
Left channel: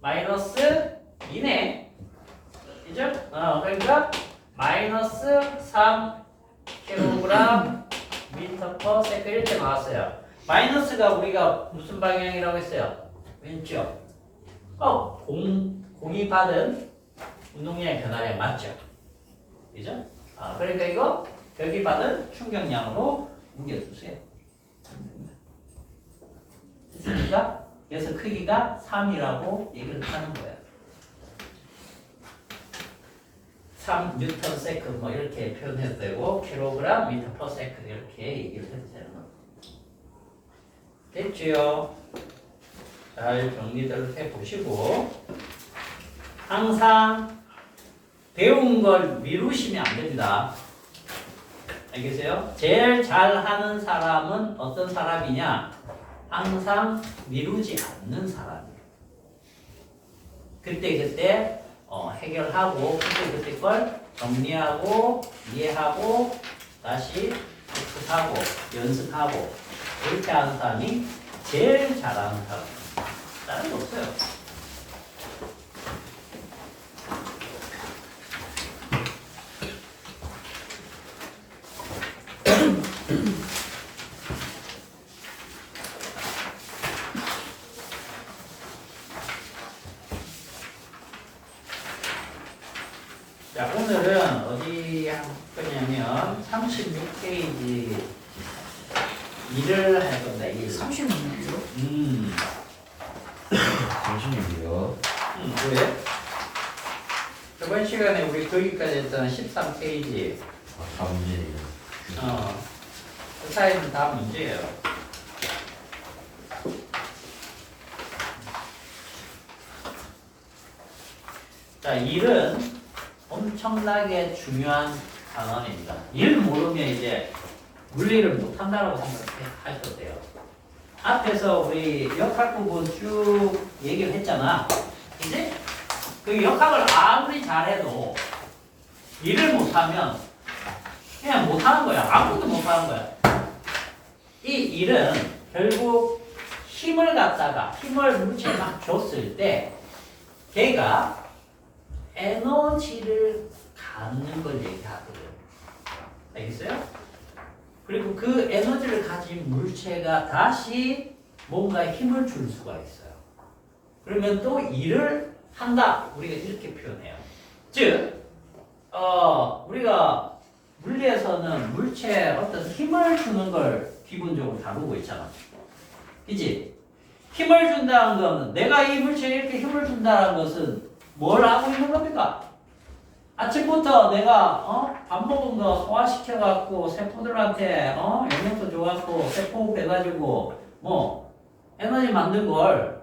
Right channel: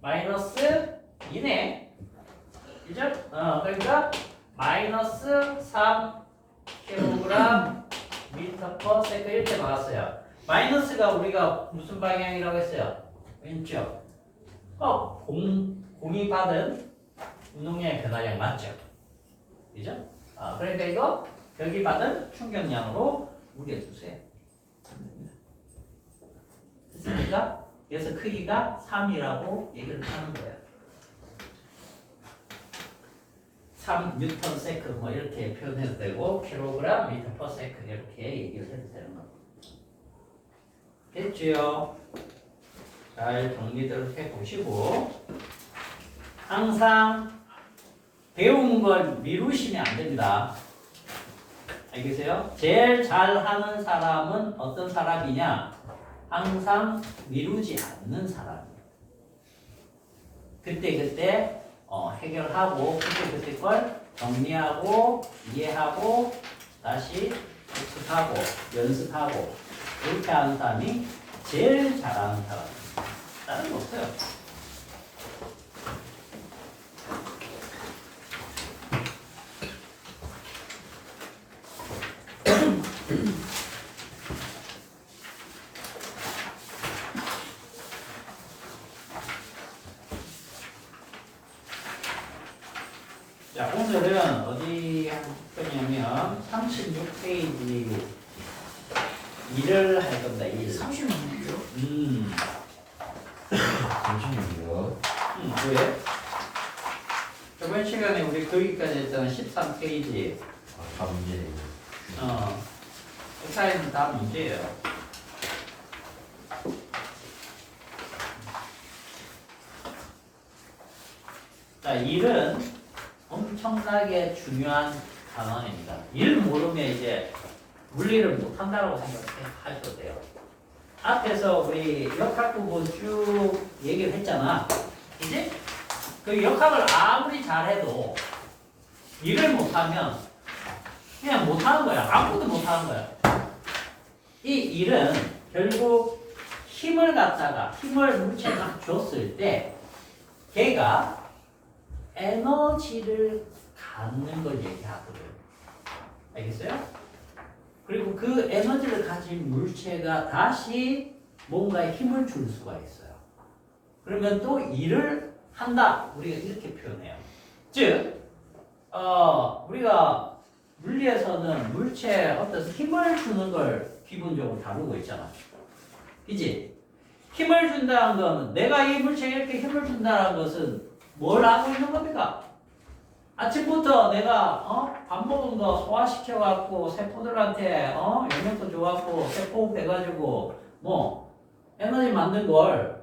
마이너스 2네. 그죠? 그러니까 마이너스 3kg m/s 이렇게 나왔어요. 마이너스가 우리가 무슨 방향이라고 했어요? 왼쪽. 공이 받은 운동량의 변화량 맞죠? 그죠? 그러니까 이거 벽이 받은 충격량으로 우겨주세요. 됐습니까? 그래서 크기가 3이라고 얘기를 하는 거예요. 3 뉴턴 세크 뭐 이렇게 표현해도 되고 킬로그램 미터 퍼 세크 이렇게 얘기를 해도 되는 거예요. 됐죠? 잘 정리를 해보시고 항상 배운 걸 미루시면 안 됩니다. 알겠어요? 제일 잘하는 사람은 어떤 사람이냐? 항상 미루지 않는 사람이에요. 그때 해결하고 그때 걸 정리하고 이해하고 다시 복습하고 연습하고 그렇게 하는 사람이 제일 잘하는 사람이에요. 다른 거 없어요. 자, 오늘은 어디 할 거냐면 36페이지 일을 할 겁니다. 일. 36이요? 잠시만요. 왜? 저번 시간에 우리 거기까지 했잖아. 13페이지. 다 문제네요. 그 사이는 다 문제예요. 자, 일은 엄청나게 중요한 단원입니다. 일 모르면 이제 물리를 못한다고 생각하셔도 돼요. 앞에서 우리 역학 부분 쭉 얘기를 했잖아. 이제 그 역학을 아무리 잘해도 일을 못하면 그냥 못하는 거야. 아무것도 못하는 거야. 이 일은 결국 힘을 물체에 막 줬을 때 걔가 에너지를 갖는 걸 얘기하거든요. 알겠어요? 그리고 그 에너지를 가진 물체가 다시 뭔가에 힘을 줄 수가 있어요. 그러면 또 일을 한다. 우리가 이렇게 표현해요. 즉, 우리가 물리에서는 물체에 어떤 힘을 주는 걸 기본적으로 다루고 있잖아. 그지? 힘을 준다는 건 내가 이 물체에 이렇게 힘을 준다는 것은 뭘 하고 있는 겁니까? 아침부터 내가 밥 먹은 거 소화시켜갖고 세포들한테 영양소 줘갖고 세포 해가지고 뭐 에너지 만든 걸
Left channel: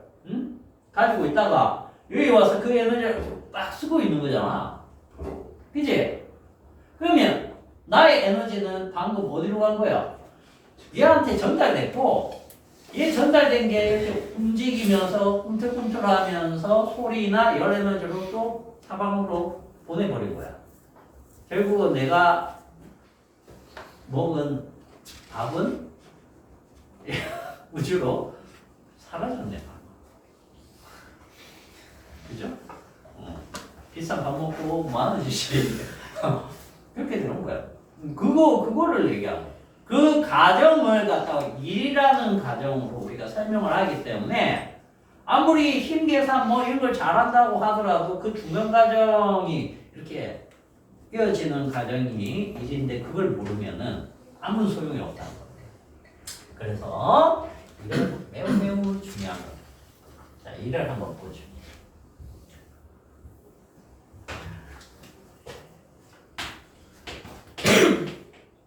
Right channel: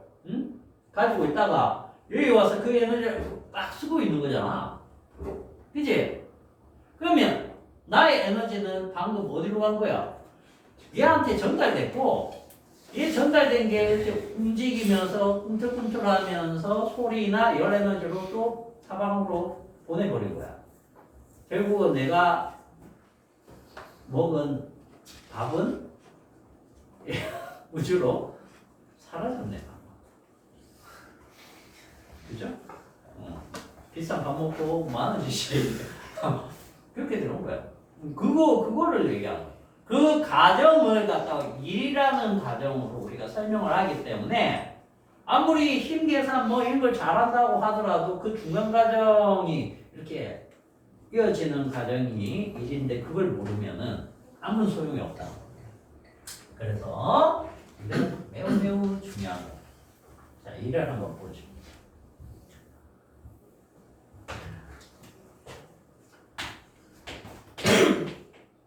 가지고 있다가 여기 와서 그 에너지를 딱 쓰고 있는 거잖아. 그지? 그러면 나의 에너지는 방금 어디로 간 거야? 얘한테 전달됐고 얘 전달된 게 이렇게 움직이면서 꿈틀꿈틀하면서 소리나 열 에너지로 또 사방으로 보내버린 거야. 결국은 내가 먹은 밥은 우주로 사라졌네. 그죠? 비싼 밥 먹고 10,000원씩 그렇게 되는 거야. 그거를 얘기하는 거야. 그 과정을 갖다가 일이라는 과정으로 우리가 설명을 하기 때문에 아무리 힘 계산 뭐 이런 걸 잘한다고 하더라도 그 중간 과정이 이렇게 이어지는 과정이 일인데 그걸 모르면은 아무 소용이 없다는 겁니다. 그래서 이건 매우 중요한 겁니다. 자, 일을 한번 보죠.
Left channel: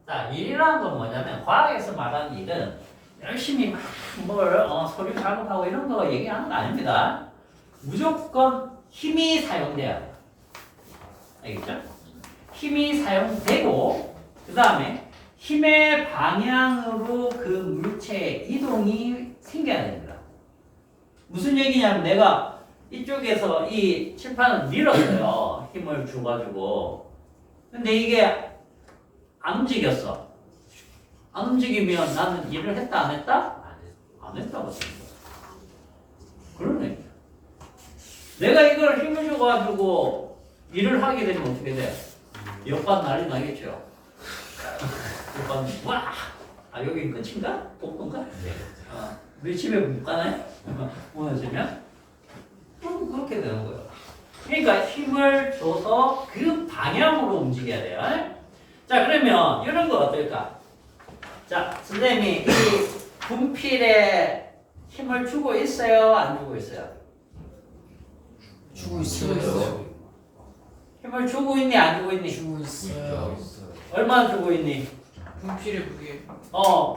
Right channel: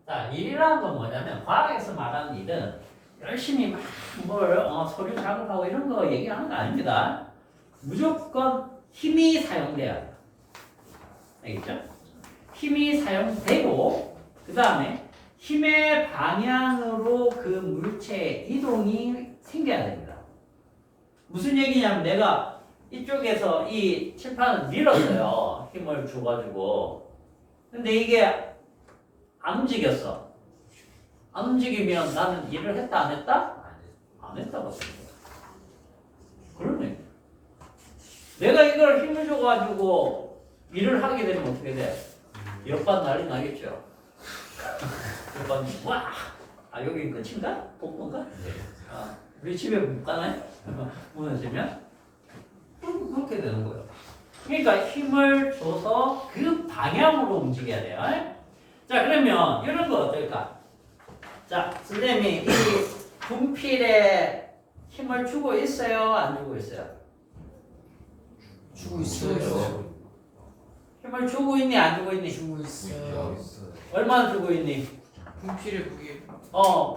자, 일이라는 건 뭐냐면 과학에서 말하는 일은 열심히 뭘 서류 작업하고 이런 거 얘기하는 거 아닙니다. 무조건 힘이 사용돼야 돼요. 알겠죠? 힘이 사용되고 그 다음에 힘의 방향으로 그 물체의 이동이 생겨야 됩니다. 무슨 얘기냐면 내가 이쪽에서 이 칠판을 밀었어요. 힘을 줘가지고. 근데 이게 안 움직였어. 안 움직이면 나는 일을 했다 안 했다? 안 했다고 생각해. 그러네. 내가 이걸 힘을 줘가지고 일을 하게 되면 어떻게 돼? 옆반 난리 나겠죠. 옆반 와! 아 여기 끝인가? 복도인가? 우리 집에 못 가나요? 무너지면? 그렇게 되는 거예요. 그러니까 힘을 줘서 그 방향으로 움직여야 돼요. 자, 그러면 이런 거 어떨까? 자, 선생님이 이 분필에 힘을 주고 있어요? 안 주고 있어요? 주고 있어요. 힘을 주고 있니? 안 주고 있니? 주고 있어요. 얼마나 주고 있니? 분필의 무게.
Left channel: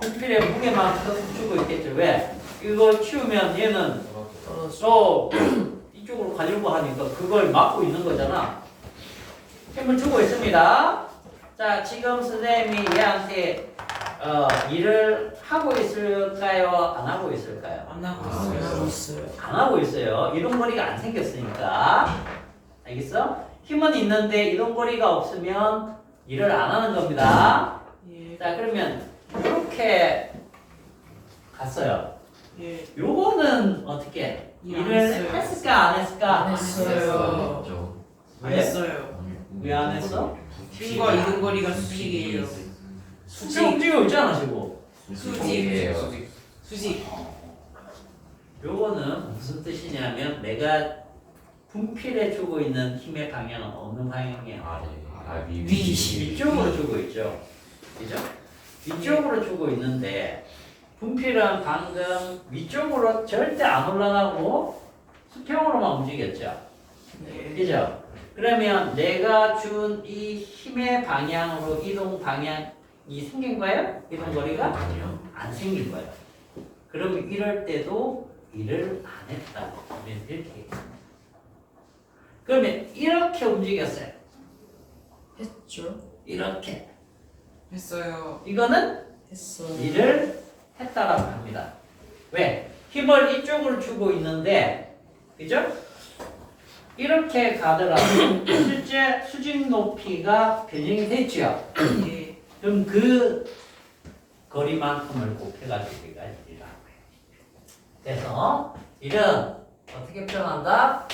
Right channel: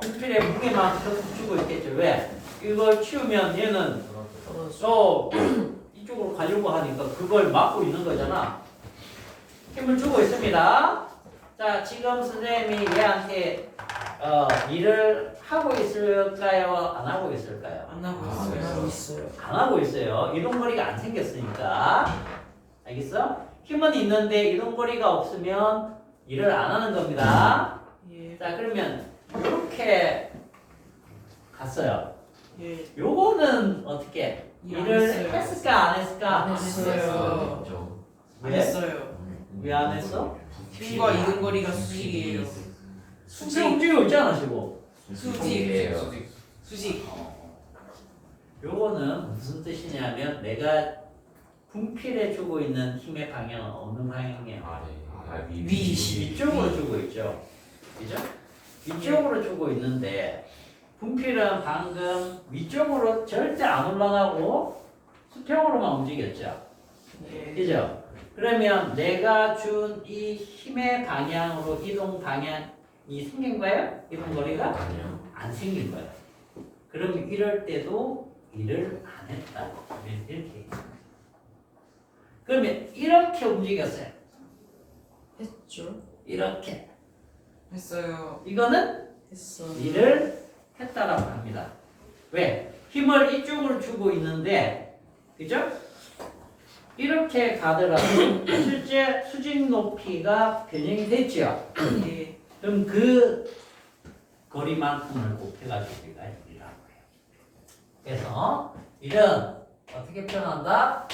분필의 무게만큼 주고 있겠죠. 왜? 이걸 치우면 얘는 떨어져. 이쪽으로 가려고 하니까 그걸 막고 있는 거잖아. 힘을 주고 있습니다. 자, 지금 선생님이 얘한테 일을 하고 있을까요? 안 하고 있을까요? 안 하고 하고 있어요. 있어요. 안 하고 있어요. 이동거리가 안 생겼으니까. 알겠어? 힘은 있는데 이동거리가 없으면 일을 안 하는 겁니다. 예. 자, 그러면 이렇게 갔어요. 예. 요거는 어떻게? 일 안 일을 했어요. 했을까? 안 했을까? 안 했어요. 안 왜? 했어요. 왜 안 했어? 힘과 이동거리가 수직이에요. 수직 움직이고 있잖아, 지금. 수직. 수직. 요거는 무슨 뜻이냐면 내가 분필에 주고 있는 힘의 방향은 어느 방향이에요? 위쪽으로 주고 있죠. 그죠? 위쪽으로 주고 있는데 분필은 방금 위쪽으로 절대 안 올라가고 수평으로만 움직였죠. 예. 그죠? 그러면 내가 준 이 힘의 방향으로 이동 방향이 생긴 거예요? 이동 거리가? 아니요. 안 생긴 거예요. 그러면 이럴 때도 일을 안 했다. 이렇게 얘기합니다. 그러면 이렇게 움직였어요. 했죠. 이렇게. 했어요. 이거는 했어요. 일을 했다라고 합니다. 왜? 힘을 이쪽으로 주고 있는데, 그죠? 이렇게 가더라도 실제 수직 높이가 변형이 됐죠. 예. 그럼 그 거리만큼을 곱해가지고 우리가 일을 하는 거예요. 그래서 일은 어떻게 표현한다?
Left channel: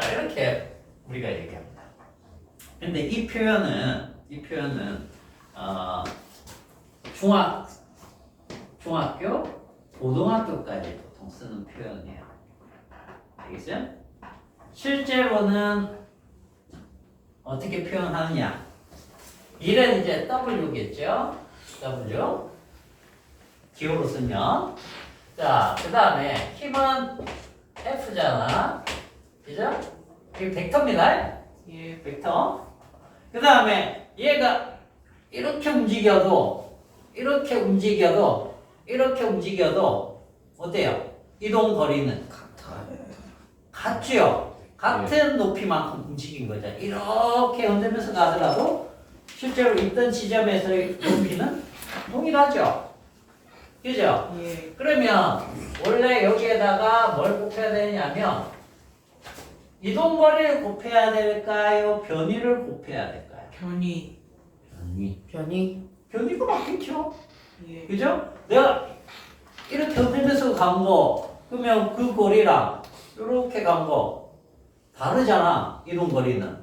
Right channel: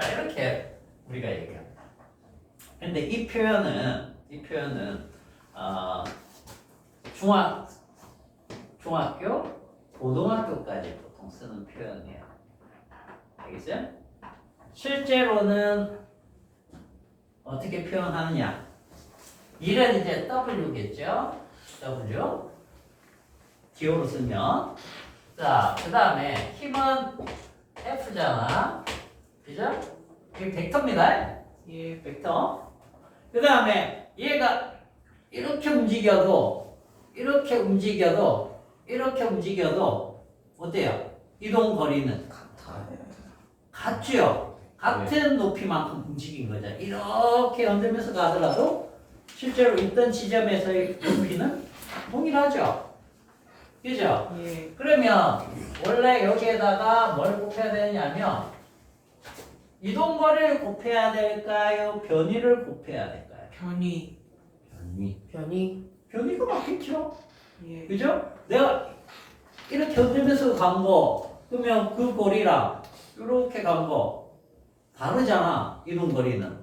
자, 이렇게 우리가 얘기합니다. 근데 이 표현은 중학교, 고등학교까지 보통 쓰는 표현이에요. 알겠어요? 실제로는 어떻게 표현하느냐? 일은 이제 W겠죠? W. 기호로 쓰면. 자, 그 다음에 힘은 F잖아. 그죠? 이게 벡터입니다. 예. 벡터. 그 다음에 얘가 이렇게 움직여도 어때요? 이동 거리는 같죠? 같은 높이만큼 움직인 거죠. 이렇게 흔들면서 가더라도 실제로 있던 지점에서의 높이는 동일하죠. 그죠? 예. 그러면 원래 여기에다가 뭘 곱해야 되냐면 이동 거리를 곱해야 될까요? 변위를 곱해야 될까요? 변이. 변이. 변위가 맞겠죠. 예. 그죠? 내가 이렇게 흔들면서 간 거, 그러면 그 거리랑 이렇게 간 거 다르잖아. 이동 거리는.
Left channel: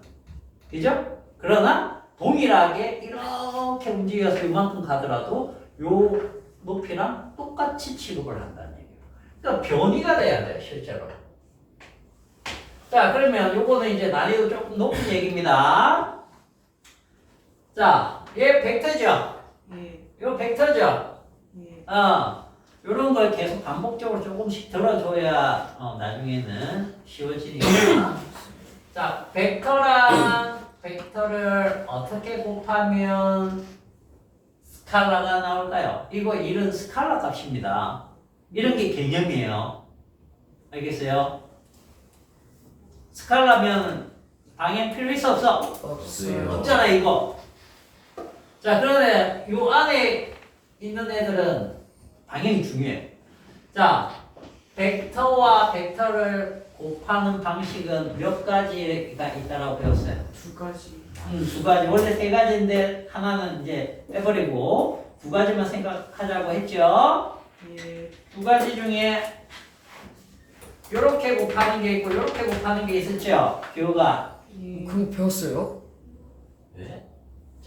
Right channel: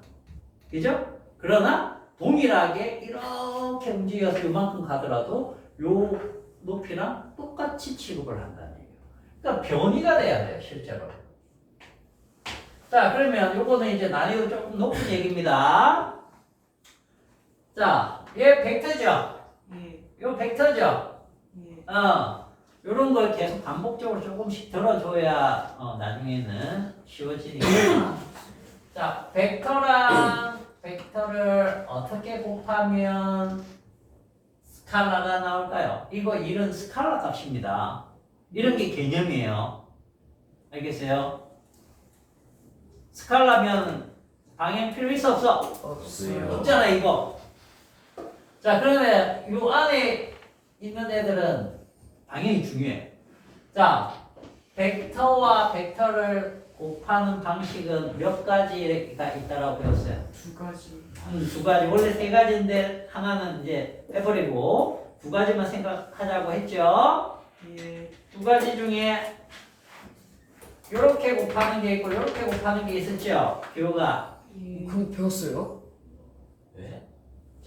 그죠? 그러나 동일하게 이렇게 움직여서 이만큼 가더라도 요 높이랑 똑같이 취급을 한다는 얘기예요. 그러니까 변위가 돼야 돼요, 실제로. 자, 그러면 요거는 이제 난이도 조금 높은 얘기입니다. 자, 얘 벡터죠? 예. 요 벡터죠? 예. 요런 걸 계속 반복적으로 조금씩 들어줘야 나중에는 쉬워지니까. 자, 벡터랑 벡터를 어떻게 곱하면 스칼라가 나올까요? 이거 일은 스칼라 값입니다. 이런 게 개념이에요. 알겠어요? 스칼라면 방향 필요 있어 없어? 없어요. 없잖아 이거. 자, 그런데 요 안에 있는 애들은 방향이 중요해. 자, 벡터와 벡터를 곱하는 방식은 몇 가지가 있다라고 배웠어요? 두 가지. 두 가지. 원래 세 가지인데 하나는 이제 빼버리고 두 가지만 생각하자고 했죠. 예. 두 가지 중에 요렇게 곱하는 게 있고 요렇게 곱하는 게 있었죠. 기호가 예. 그거 배웠어요?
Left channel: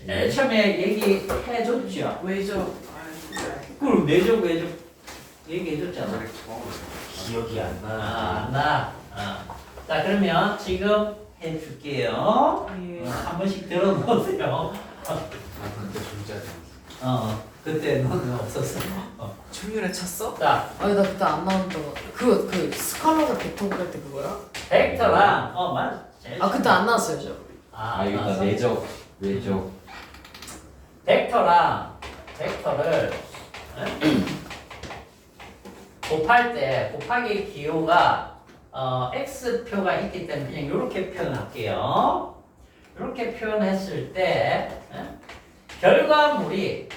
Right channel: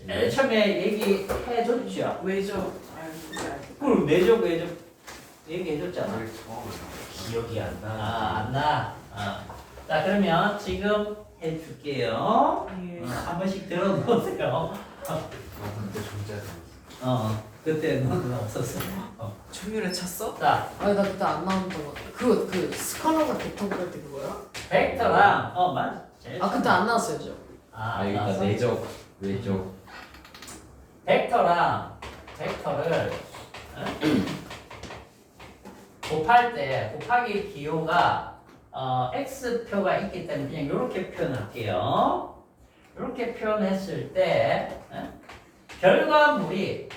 제일 처음에 얘기해줬죠. 왜죠? 그럼 왜죠 얘기해줬잖아. 기억이 안 나는. 안 나. 자, 그러면 지금 해줄게요. 예. 한 번씩 들어보세요. 그때 존재하지. 그때 너는 없었어. 천율에 찼어? 자, 아니 나 그때 안 나온다고. 그 스칼라가 벡터 그릴 때 그거야? 벡터랑 맞아. 제일 아 그때 처음. 안 나왔어요 저. 아 안 이거 나왔어. 내적 외적 벡터를 곱할 때 곱하기 기호가 x표가 있기 때문에 그냥 이렇게 표현할게요. 이렇게 표현했을 때 결과물이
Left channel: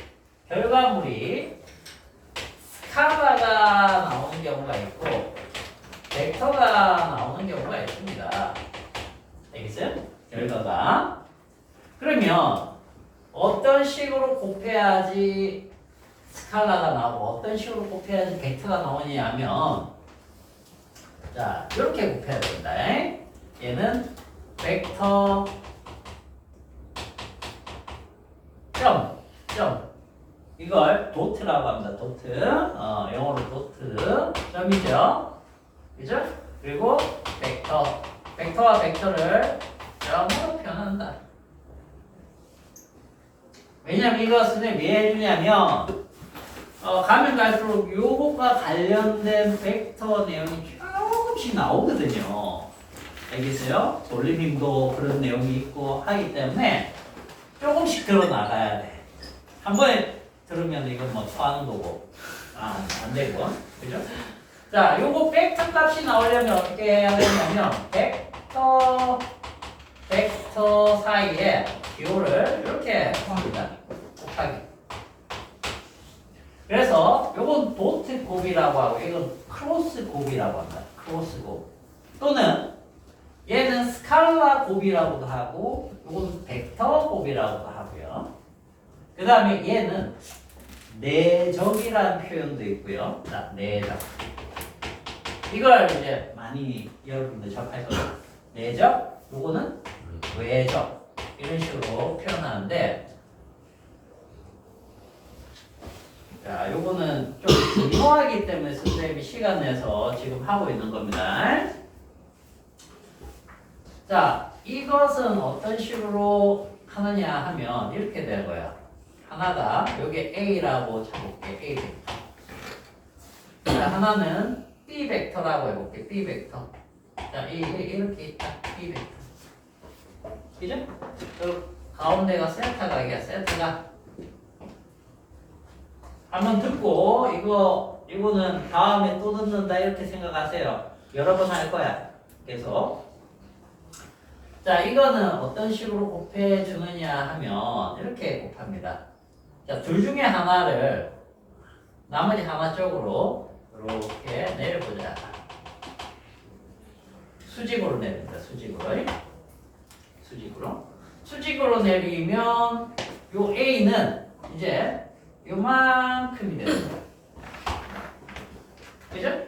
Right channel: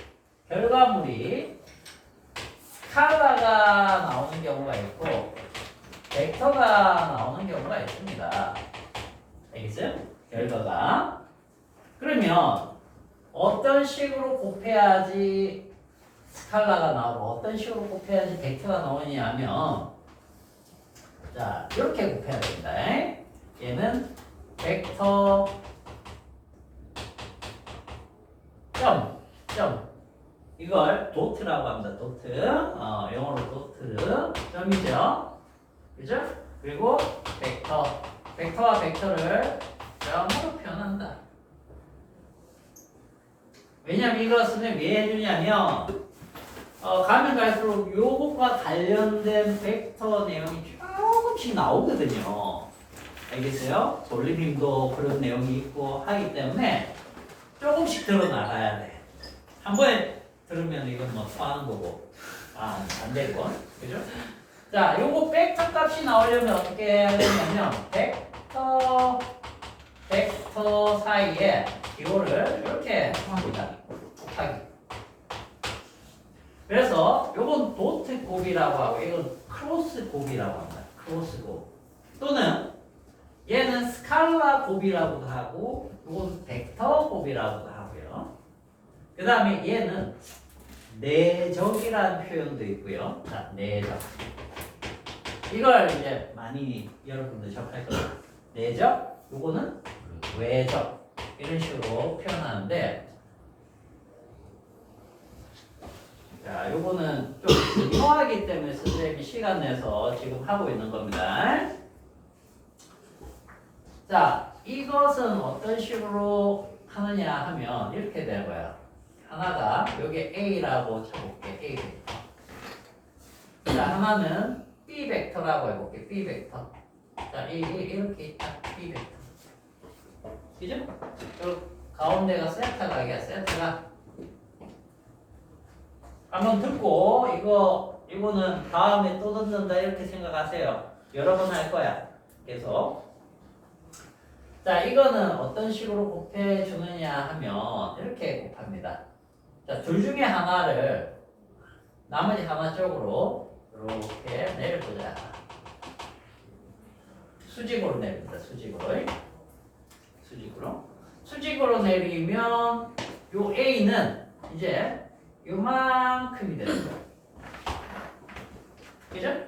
스칼라가 나오는 경우가 있고 벡터가 나오는 경우가 있습니다. 알겠어요? 결과가. 그러면 어떤 식으로 곱해야지 스칼라가 나오고 어떤 식으로 곱해야지 벡터가 나오냐 하면 자 이렇게 곱해야 됩니다. 얘는 벡터 점 이걸 도트라고 합니다. 도트 영어로 도트 점이죠. 그죠? 그리고 벡터와 벡터를 점으로 표현한다. 왜냐면 이것은 왜 해주냐면 가면 갈수록 요것과 관련된 벡터 내용이 조금씩 나오거든요. 알겠어요? 돌림님도 그런 내용이 있고 하기 때문에 조금씩 들어나가야 돼. 한 번에 들으면 이건 뭐 토하는 거고 안 되고 그죠? 자, 요거 벡터 값이 나오려면 어떻게 해야 되냐면 벡터 사이에 기호를 이렇게 합니다. 곱하기. 그래서 요건 도트 곱이라고 하고 이건 크로스 곱이라고 합니다. 크로스 곱. 또는 얘는 스칼라 곱이라고도 하고 요건 벡터 곱이라고도 하고요. 그 다음에 얘는 내적이라는 표현도 있고요. 자, 내적. 이걸 이제 많이 여러분들 접할 거예요. 내적, 요거는 외적. 이런 식으로 표현하는데 자, 요거는 좀 중요하기 때문에 선생님이 시간 내서 지금 하고 있는 겁니다. 자, 이것은 어떤 식으로 하느냐 하면 이렇게 되는 거예요. 하나가 여기 A라고 쳐볼게. A 벡터. 자, 하나는 B 벡터라고 해볼게. B 벡터. 자, 이렇게 있다. B 벡터. 그죠? 가운데가 세타가 이게 세타가 한번 듣고 이거는 다음에 또 듣는다 이렇게 생각하세요. 여러 번 할 거야. 계속. 자, 이거는 어떤 식으로 곱해 주느냐 하면 이렇게 곱합니다. 자, 둘 중에 하나를 나머지 하나 쪽으로 이렇게 내려보자. 수직으로 내립니다. 수직으로 내리면 요 A는 이제 요만큼이 되는 거예요. 그죠?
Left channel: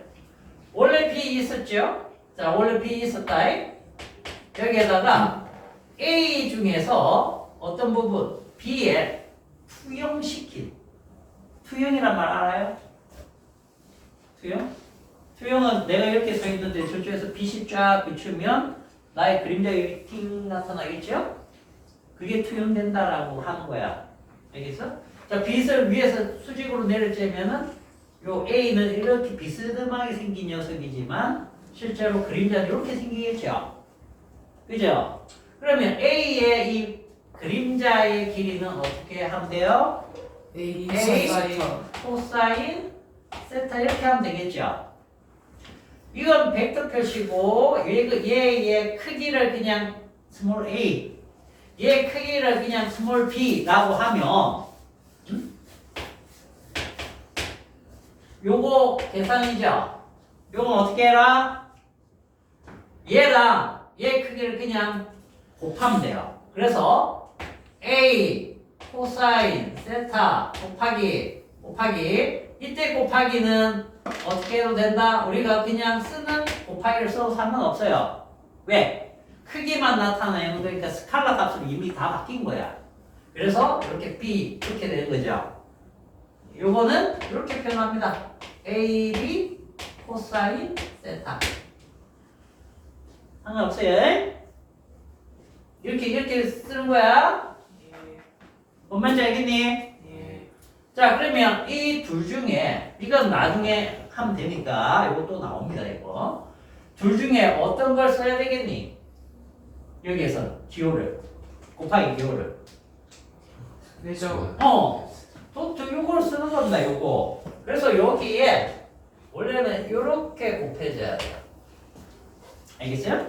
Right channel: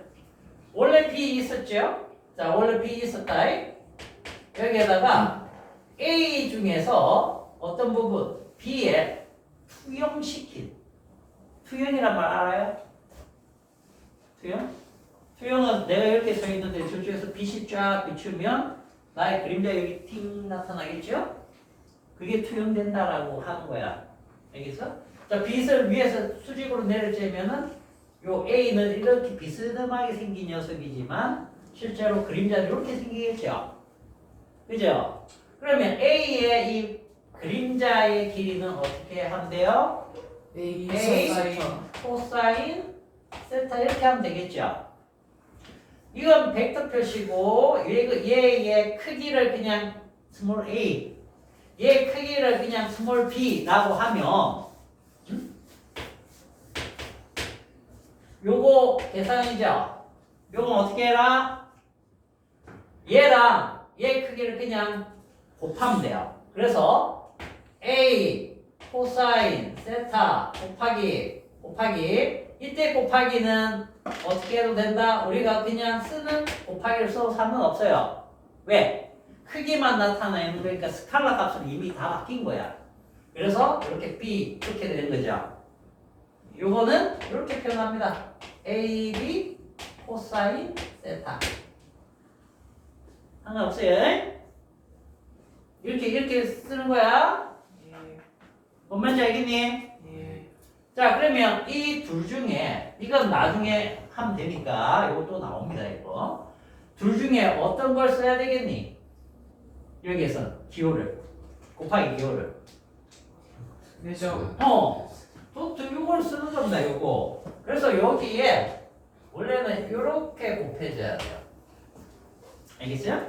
원래 B 있었죠? 자, 원래 B 있었다. 여기에다가 A 중에서 어떤 부분 B에 투영시킨 투영이란 말 알아요? 투영? 투영은 내가 이렇게 써 있는데 저쪽에서 빛이 쫙 비추면 나의 그림자 여기 팅 나타나겠죠? 그게 투영된다라고 하는 거야. 알겠어? 자, 빛을 위에서 수직으로 내려쬐면은 요 A는 이렇게 비스듬하게 생긴 녀석이지만 실제로 그림자는 이렇게 생기겠죠? 그죠? 그러면 A의 이 그림자의 길이는 어떻게 하면 돼요? A 코사인 세타 이렇게 하면 되겠죠? 이건 벡터 표시고 얘의 크기를 그냥 스몰 a 얘의 크기를 그냥 스몰 b라고 하면 요거 계산이죠? 요건 어떻게 해라? 얘랑 얘 크기를 그냥 곱하면 돼요. 그래서 a 코사인 세타 곱하기 이때 곱하기는 어떻게 해도 된다? 우리가 그냥 쓰는 곱하기를 써도 상관없어요. 왜? 크기만 나타내는 거니까 스칼라 값은 이미 다 바뀐 거야. 그래서 이렇게 B 이렇게 되는 거죠. 요거는 이렇게 표현합니다. AB 코사인 세타. 상관없어요. 이렇게 쓰는 거야. 예. 뭔 말인지 알겠니? 예. 자, 그러면 이 둘 중에 이건 나중에 하면 되니까 이거 또 나옵니다. 이거 둘 중에 어떤 걸 써야 되겠니? 여기에서 기호를 곱하기 기호를 내죠. 또 요걸 쓰는 겁니다. 요거. 그래서 여기에 원래는 요렇게 곱해줘야 돼요. 알겠어요?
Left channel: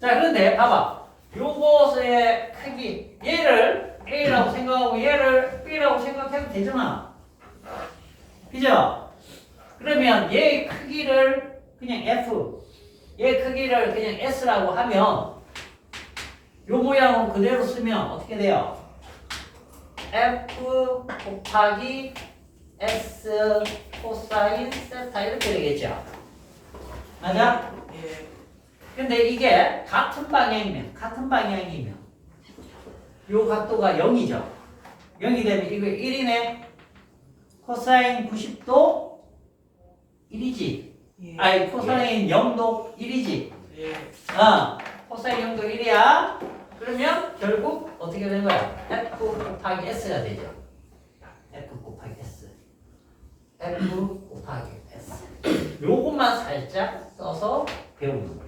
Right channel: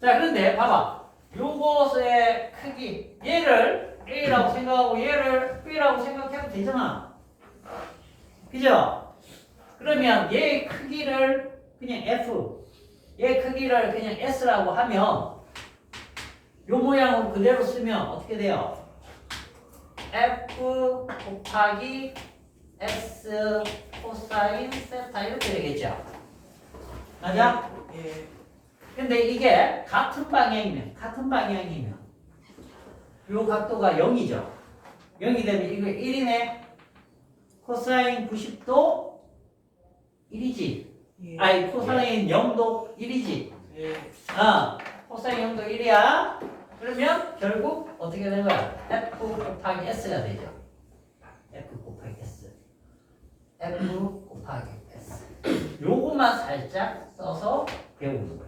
자, 그런데 봐봐. 요것의 크기 얘를 A라고 생각하고 얘를 B라고 생각해도 되잖아. 그죠? 그러면 얘의 크기를 그냥 F, 얘 크기를 그냥 S라고 하면 요 모양은 그대로 쓰면 어떻게 돼요? F 곱하기 S 코사인 세타 이렇게 되겠죠? 맞아? 예. 근데 이게 같은 방향이면 요 각도가 0이죠. 0이 되면 이거 1이네. 코사인 90도 1이지. 예. 아니 코사인 0도 1이지. 예. 코사인 0도 1이야. 그러면 결국 어떻게 되는 거야? F 곱하기 S가 되죠. F 곱하기 S. F 곱하기 S. 요것만 살짝 써서 배우는 거야.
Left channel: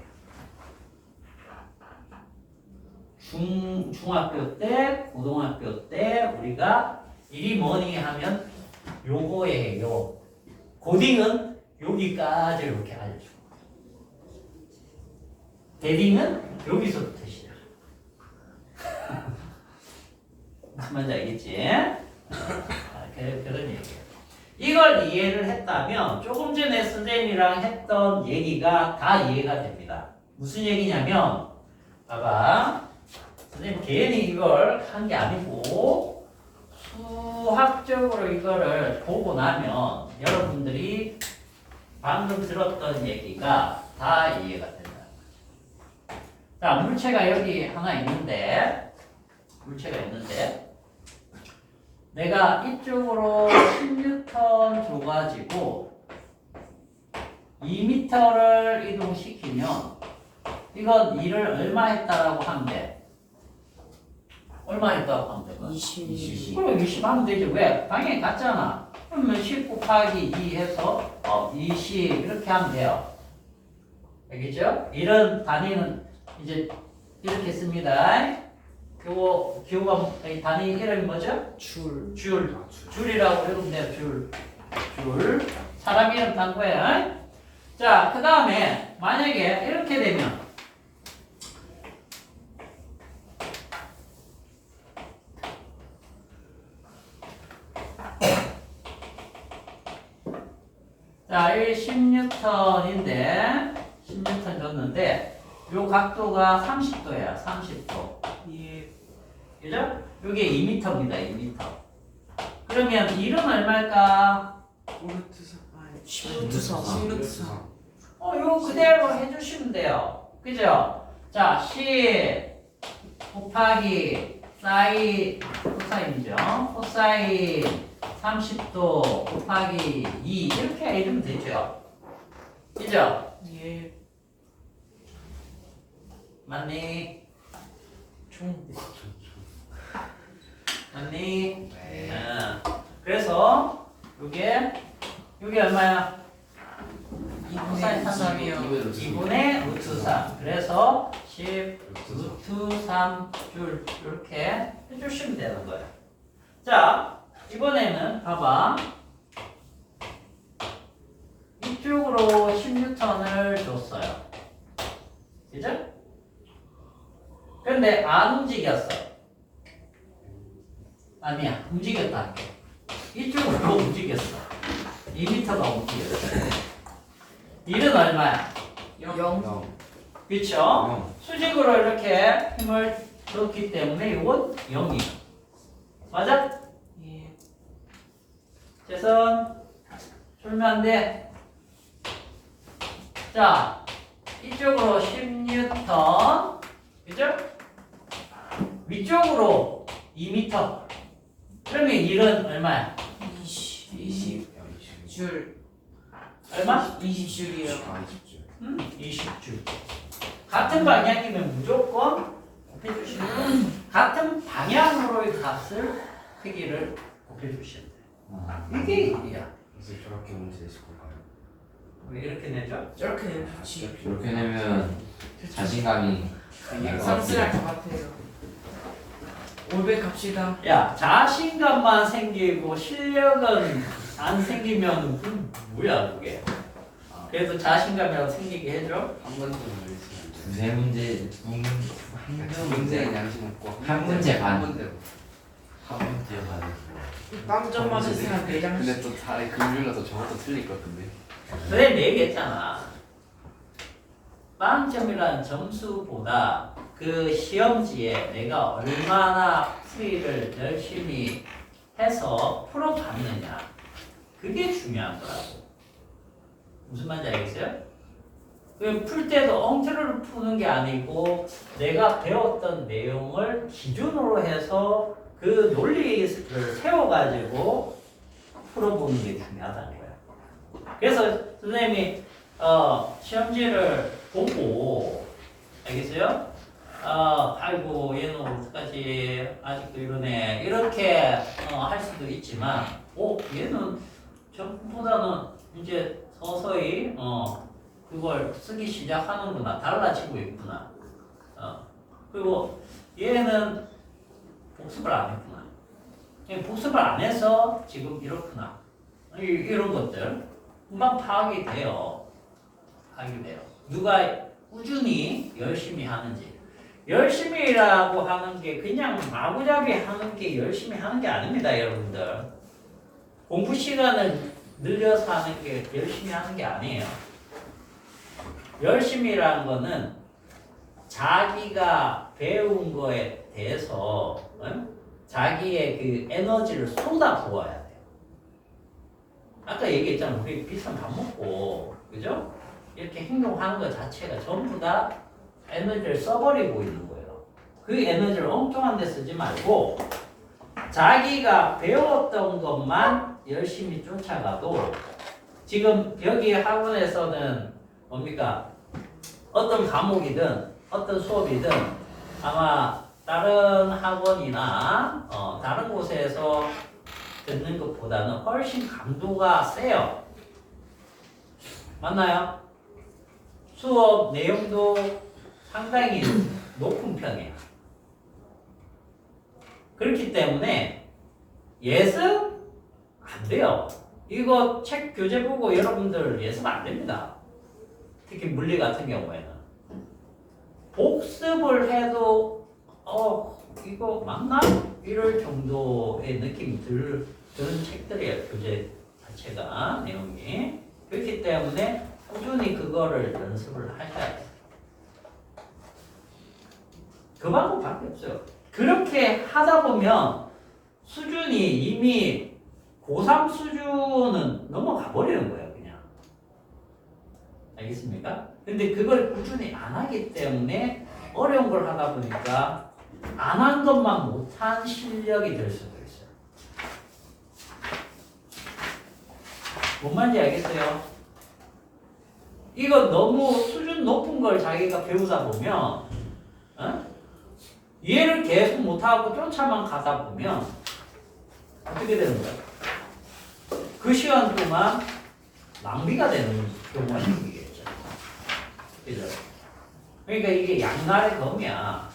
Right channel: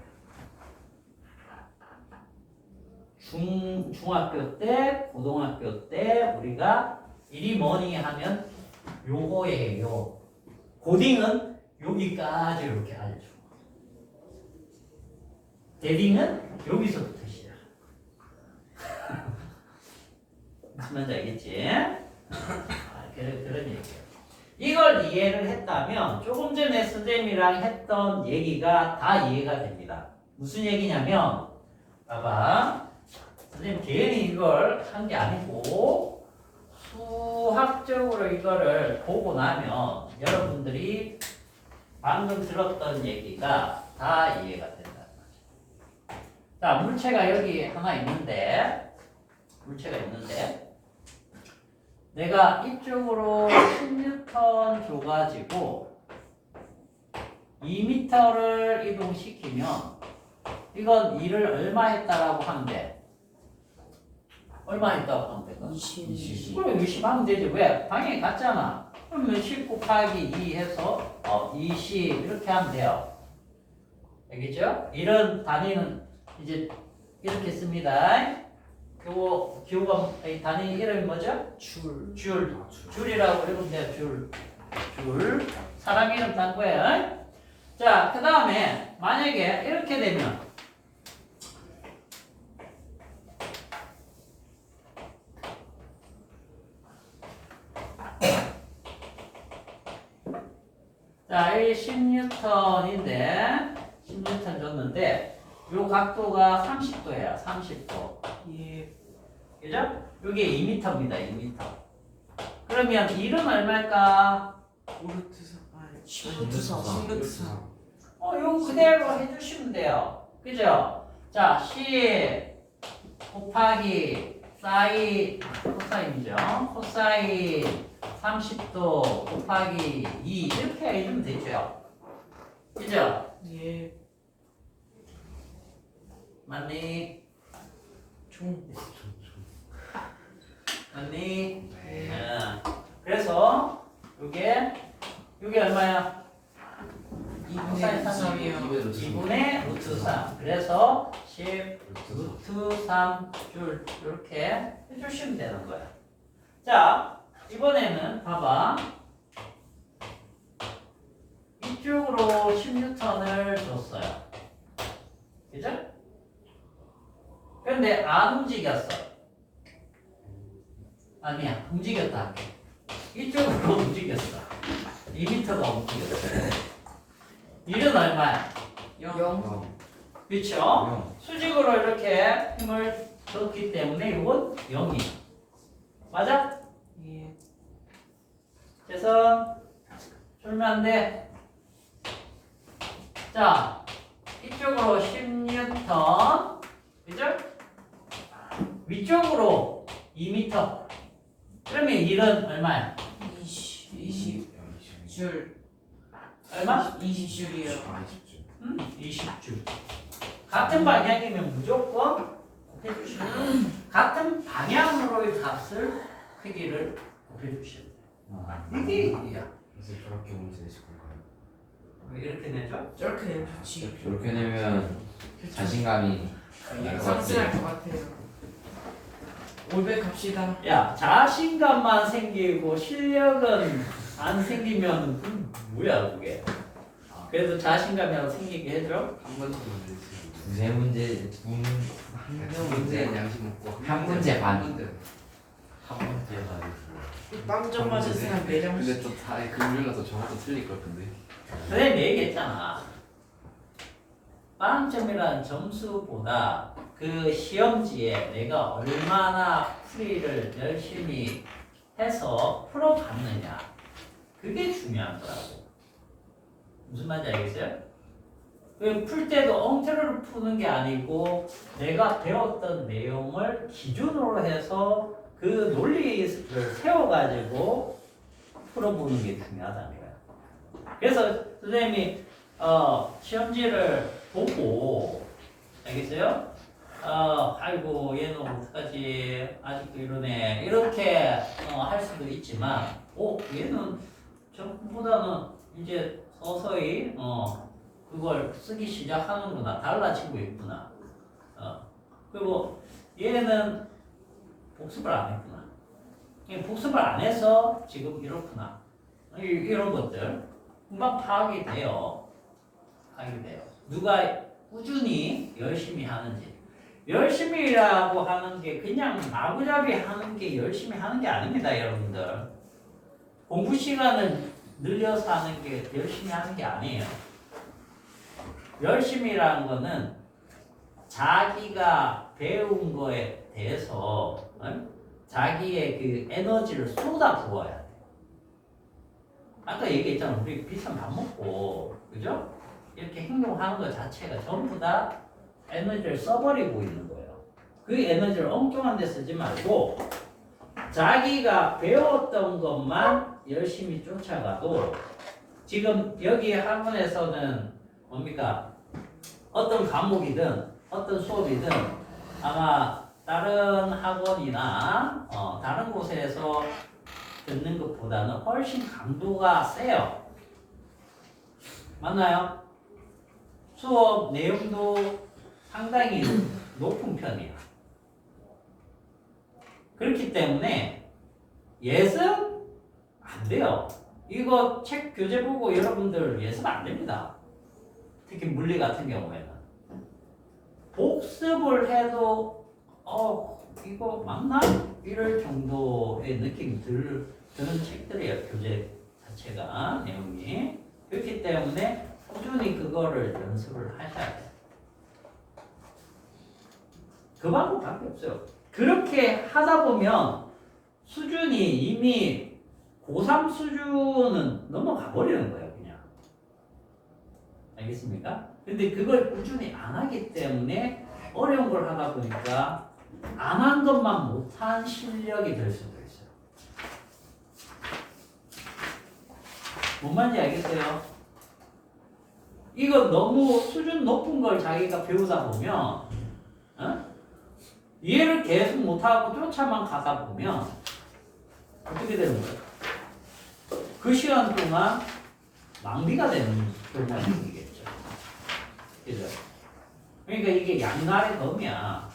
중학교 때, 고등학교 때 우리가 이리 뭐니 하면 요거예요. 고딩은 여기까지 이렇게 알려주고 데딩은 여기서부터 시작. 무슨 말인지 알겠지? 그런 얘기예요. 이걸 이해를 했다면 조금 전에 선생님이랑 했던 얘기가 다 이해가 됩니다. 무슨 얘기냐면 봐봐. 선생님 괜히 이걸 한 게 아니고 수학적으로 이거를 보고 나면 여러분들이 방금 들었던 얘기가 다 이해가 된다. 자, 물체가 여기 하나 있는데 내가 이쪽으로 10N 줘가지고 2m를 이동시키면 이건 일을 얼마 했다라고 하면 돼? 얼마 했다고 하면 돼? 20. 그럼 20 하면 되지. 왜? 방향이 같잖아. 그러면 10 곱하기 2 해서 20 이렇게 하면 돼요. 알겠죠? 이런 단위는 이제 이렇게 씁니다. 요거 기호가 단위 이름이 뭐죠? 줄. 줄이라고 읽으면 돼요. 줄. 사람 이름 딴 거예요. 자, 그 다음에 만약에 이렇게 되면 자, 10N인데 10N 줬는데 요 각도가 30도예요. 30도. 예. 그죠? 요게 2m입니다. 2m. 그러면 1은 얼마일까? 오르트 3. 아니. 10루트 3. 10루트 3. 요 그대로 해주시면 돼요. 그죠? 자, 10 곱하기 사인, 코사인이죠. 코사인 30도 곱하기 2 이렇게 해주면 되죠. 그죠? 예. 맞니? 맞니? 네. 그래서 요게 얼마야? 2분의 3이요. 2분의 루트 3. 그래서 10 루트 3 줄 이렇게 해주시면 되는 거예요. 자, 이번에는 봐봐. 이쪽으로 10N을 줬어요. 그죠? 근데 안 움직였어. 아니야, 움직였다. 이쪽으로 움직였어. 2m가 움직였어. 1은 얼마야? 0. 그렇죠? 수직으로 이렇게 힘을 줬기 때문에 이건 0이야. 맞아? 예. 재선 줄면 안 돼. 자, 이쪽으로 10N. 그죠? 위쪽으로 2m. 그러면 1은 얼마야? 20. 줄. 얼마? 몇만? 20줄이요. 20줄. 같은 방향이면 무조건 곱해주시면 돼요. 같은 방향으로의 값을 크기를 곱해주시면 돼요. 이게 일이야. 그래서 저렇게 문제 내실 건가요? 왜 이렇게 내죠? 이렇게 되면 좋지. 이렇게 되면 자신감이 날것 상승할 같아요. 것 같아요. 500 갑시다. 야, 자신감만 생기고 실력은 안 생기면 뭐야 그게? 그래도 자신감이라고 생기게 해줘. 한 번도 안 내시면 두세 문제, 한 문제 양심 없고 한 문제 반. 한 문제 반. 빵점 맞았으면 내장. 근데 또 다 금융이라서 저것도 틀릴 것 같은데. 선생님이 얘기했잖아. 빵점이라는 점수보다 그 시험지에 내가 얼마나 풀이를 열심히 해서 풀어봤느냐, 그게 중요한 거라고. 무슨 말인지 알겠어요? 풀 때도 엉터리로 푸는 게 아니고 내가 배웠던 내용을 기준으로 해서 그 논리를 세워가지고 풀어보는 게 중요하다는 거야. 그래서 선생님이 시험지를 보고, 알겠어요? 아이고 얘는 어떡하지, 아직도 이러네, 이렇게 할 수도 있지만, 얘는 전보다는 이제 서서히 그걸 쓰기 시작하는구나, 달라지고 있구나. 그리고 얘는 복습을 안 했구나, 복습을 안 해서 지금 이렇구나, 이런 것들 금방 파악이 돼요. 누가 꾸준히 열심히 하는지. 열심히라고 하는 게 그냥 마구잡이 하는 게 열심히 하는 게 아닙니다, 여러분들. 공부 시간을 늘려서 하는 게 열심히 하는 게 아니에요. 열심히라는 거는 자기가 배운 거에 대해서 자기의 그 에너지를 쏟아 부어야 돼요. 아까 얘기했잖아. 우리 비싼 밥 먹고, 그죠? 이렇게 행동하는 것 자체가 전부 다 에너지를 써버리고 있는 거예요. 그 에너지를 엉뚱한 데 쓰지 말고 자기가 배웠던 것만 열심히 쫓아가도, 지금 여기 학원에서는 뭡니까? 어떤 과목이든 어떤 수업이든 아마 다른 학원이나 다른 곳에서 듣는 것보다는 훨씬 강도가 세요. 맞나요? 수업 내용도 상당히 높은 편이에요. 그렇기 때문에 예습 안 돼요. 이거 책 교재 보고 여러분들 예습 안 됩니다. 특히 물리 같은 경우에는 복습을 해도 이거 맞나? 이럴 정도의 느낌이 드는 책들이에요. 교재 자체가, 내용이. 그렇기 때문에 꾸준히 그거를 연습을 하셔야 돼요. 그 방법밖에 없어요. 그렇게 하다 보면 수준이 이미 고3 수준은 넘어가 버리는 거예요, 그냥. 알겠습니까? 근데 그걸 꾸준히 안 하기 때문에 어려운 걸 하다 보니까 안 한 것만 못한 실력이 될 수도 있어요. 뭔 말인지 알겠어요? 이거 너무 수준 높은 걸 자기가 배우다 보면 이해를 계속 못하고 쫓아만 가다 보면 어떻게 되는 거예요? 그 시간 동안 낭비가 되는 경우가 생기겠죠. 그죠? 그러니까 이게 양날의 검이야.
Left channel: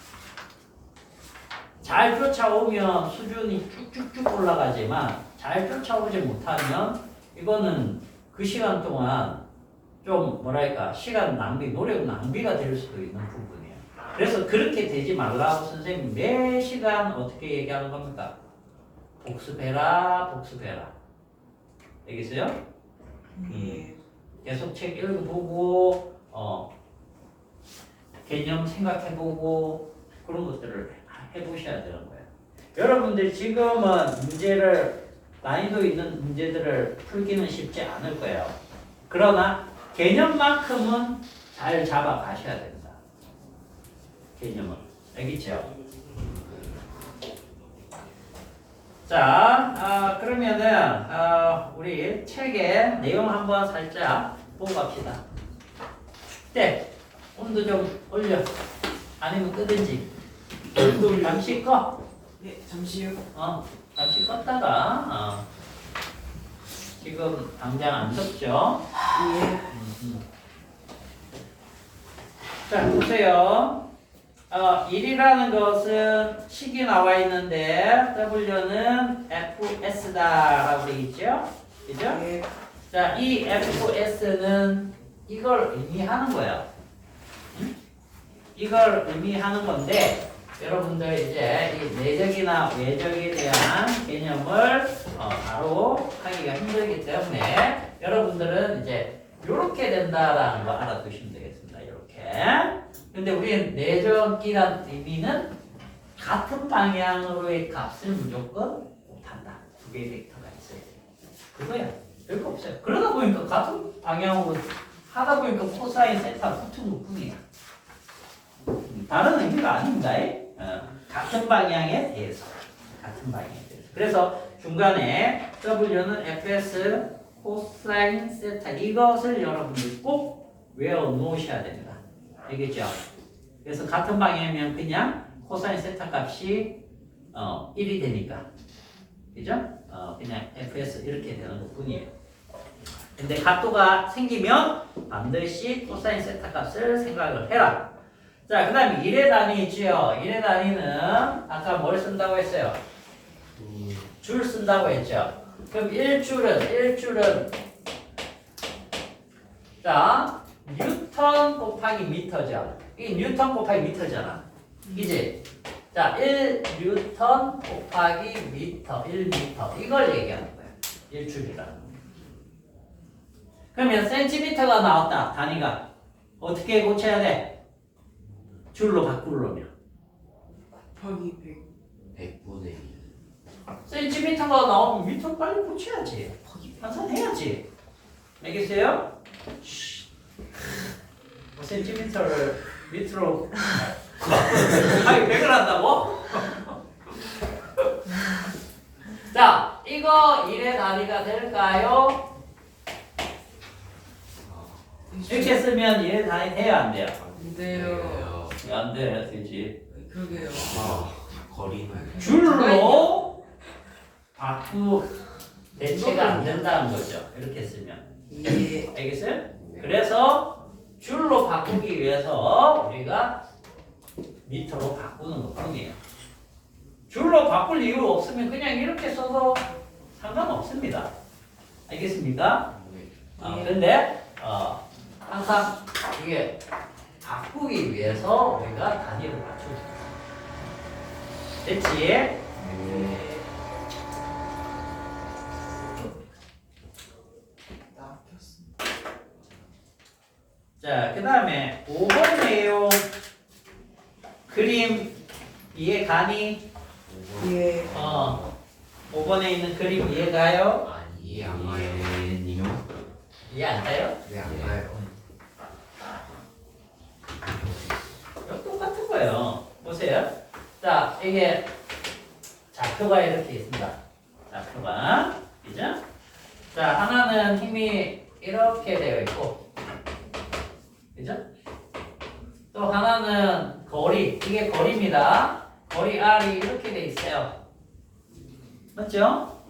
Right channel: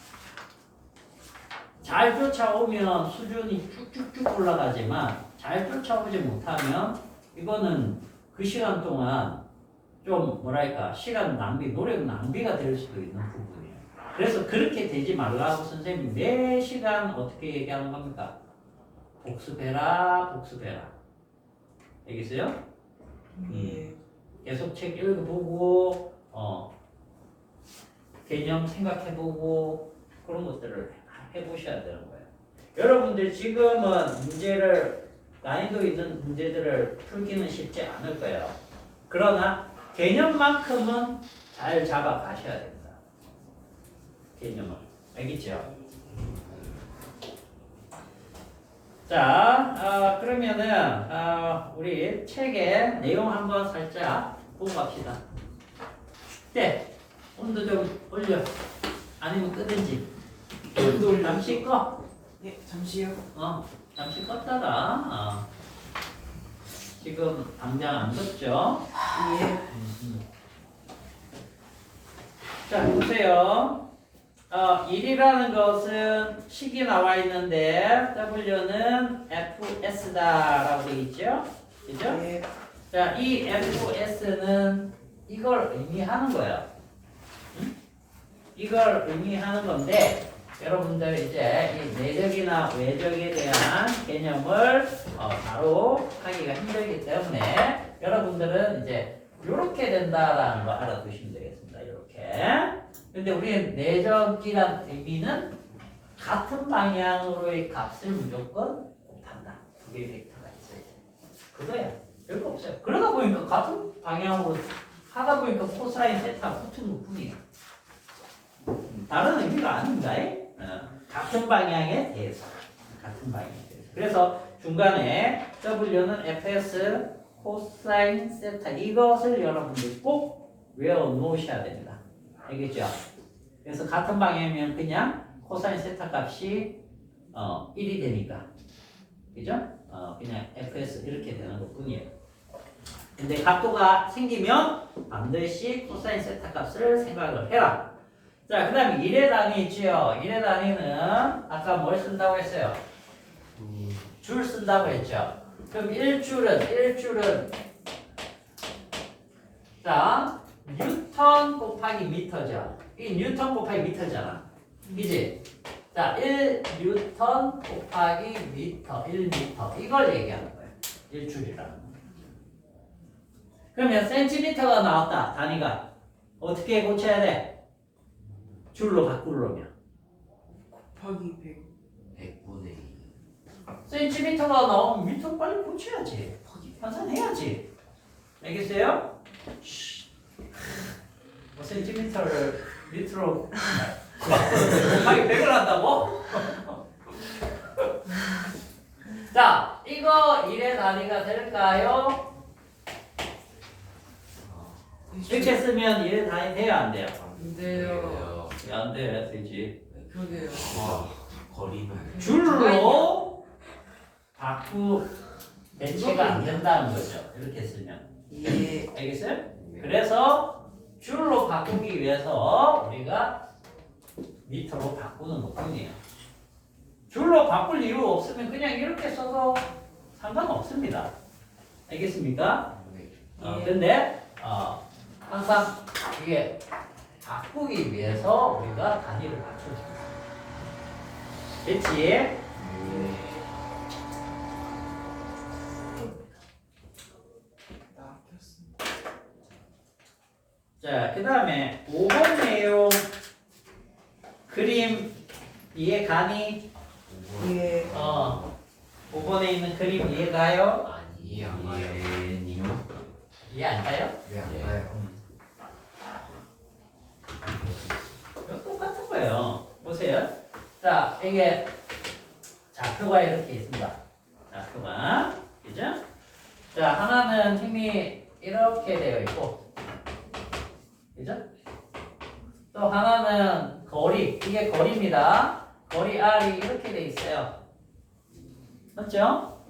잘 쫓아오면 수준이 쭉쭉쭉 올라가지만 잘 쫓아오지 못하면 이거는 그 시간 동안 좀 뭐랄까 시간 낭비, 노력 낭비가 될 수도 있는 부분이에요. 그래서 그렇게 되지 말라고 선생님이 매 시간 어떻게 얘기하는 겁니까? 복습해라, 복습해라. 알겠어요? 계속 책 읽어보고 개념 생각해보고 그런 것들을 해보셔야 되는 거예요. 여러분들 지금은 문제를 난이도 있는 문제들을 풀기는 쉽지 않을 거예요. 그러나 개념만큼은 잘 잡아가셔야 됩니다. 개념을. 알겠죠? 자, 그러면은 우리 책의 내용 한번 살짝 보고 갑시다. 춥대. 온도 좀 올려. 아니면 끄든지. 잠시 꺼. 네, 잠시요. 잠시 껐다가 지금 당장 안 덥죠? 예. 자, 보세요. 1이라는 것은 식이 나와 있는데 W는 FS다라고 되어 있죠? 그죠? 예. 자, 이 FS는 이걸 의미하는 거예요. 응? 이걸 의미하는 건데 여러분들 이제 이 내적이나 외적에 대한 개념을 바로 하기가 힘들기 때문에 여러분들은 이제 이렇게 된다라는 거 알아두시면 되겠습니다. 이렇게. 근데 우리는 내적이란 의미는 같은 방향으로의 값을 무조건 곱한다. 두 개의 벡터가 있어요. 그거야. 별거 없어요. 그러다 보니까 같은 방향으로 하다 보니까 코사인 세타 붙은 것 뿐이야. 다른 의미가 아닙니다. 같은 방향에 대해서. 같은 방향에 대해서. 그래서 중간에 W는 fs 코사인 세타 이것을 여러분들 꼭 외워 놓으셔야 됩니다. 알겠죠? 그래서 같은 방향이면 그냥 코사인 세타 값이 1이 되니까. 그죠? 그냥 fs 이렇게 되는 것 뿐이에요. 근데 각도가 생기면 반드시 코사인 세타 값을 생각을 해라. 자, 그 다음에 1의 단위 있죠? 1의 단위는 아까 뭘 쓴다고 했어요? 줄 쓴다고 했죠? 그럼 1줄은 자, 뉴턴 곱하기 미터죠? 이 뉴턴 곱하기 미터잖아. 이제 자, 1뉴턴 곱하기 미터, 1미터 이걸 얘기하는 거예요. 1줄이라는. 그러면 센티미터가 나왔다. 단위가 어떻게 고쳐야 돼? 줄로 바꾸려면 곱하기 100. 100분의 1. 센티미터가 나오면 미터 빨리 고쳐야지. 환산해야지. 알겠어요? 센티미터를 미터로 곱하기 100을 한다고? 자, 이거 1의 단위가 될까요? 이렇게 쓰면 1의 단위 돼요? 안 돼요? 근데요. 안 돼, 되지. 그러게요. 거리는 줄로 바꾸 대체가 안 된다는 거죠. 이렇게 쓰면. 예. 알겠어요? 그래서 줄로 바꾸기 위해서 우리가 미터로 바꾸는 것 뿐이에요. 줄로 바꿀 이유 없으면 그냥 이렇게 써도 상관없습니다. 알겠습니까? 근데 항상 이게 바꾸기 위해서 우리가 단위를 맞춰줍니다. 됐지? 낚였습니다. 자, 그 다음에 5번 내용 그림 이해 가니? 예. 5번에 있는 그림 이해 가요? 아니 이해 안 가요. 이해 안 가요? 왜안 가요? 이거 똑같은 거예요. 보세요. 자, 이게 좌표가 이렇게 있습니다. 좌표가. 그죠? 자, 하나는 힘이 이렇게 되어 있고, 그죠? 또 하나는 거리, 이게 거리입니다. 거리 R이 이렇게 돼 있어요. 맞죠?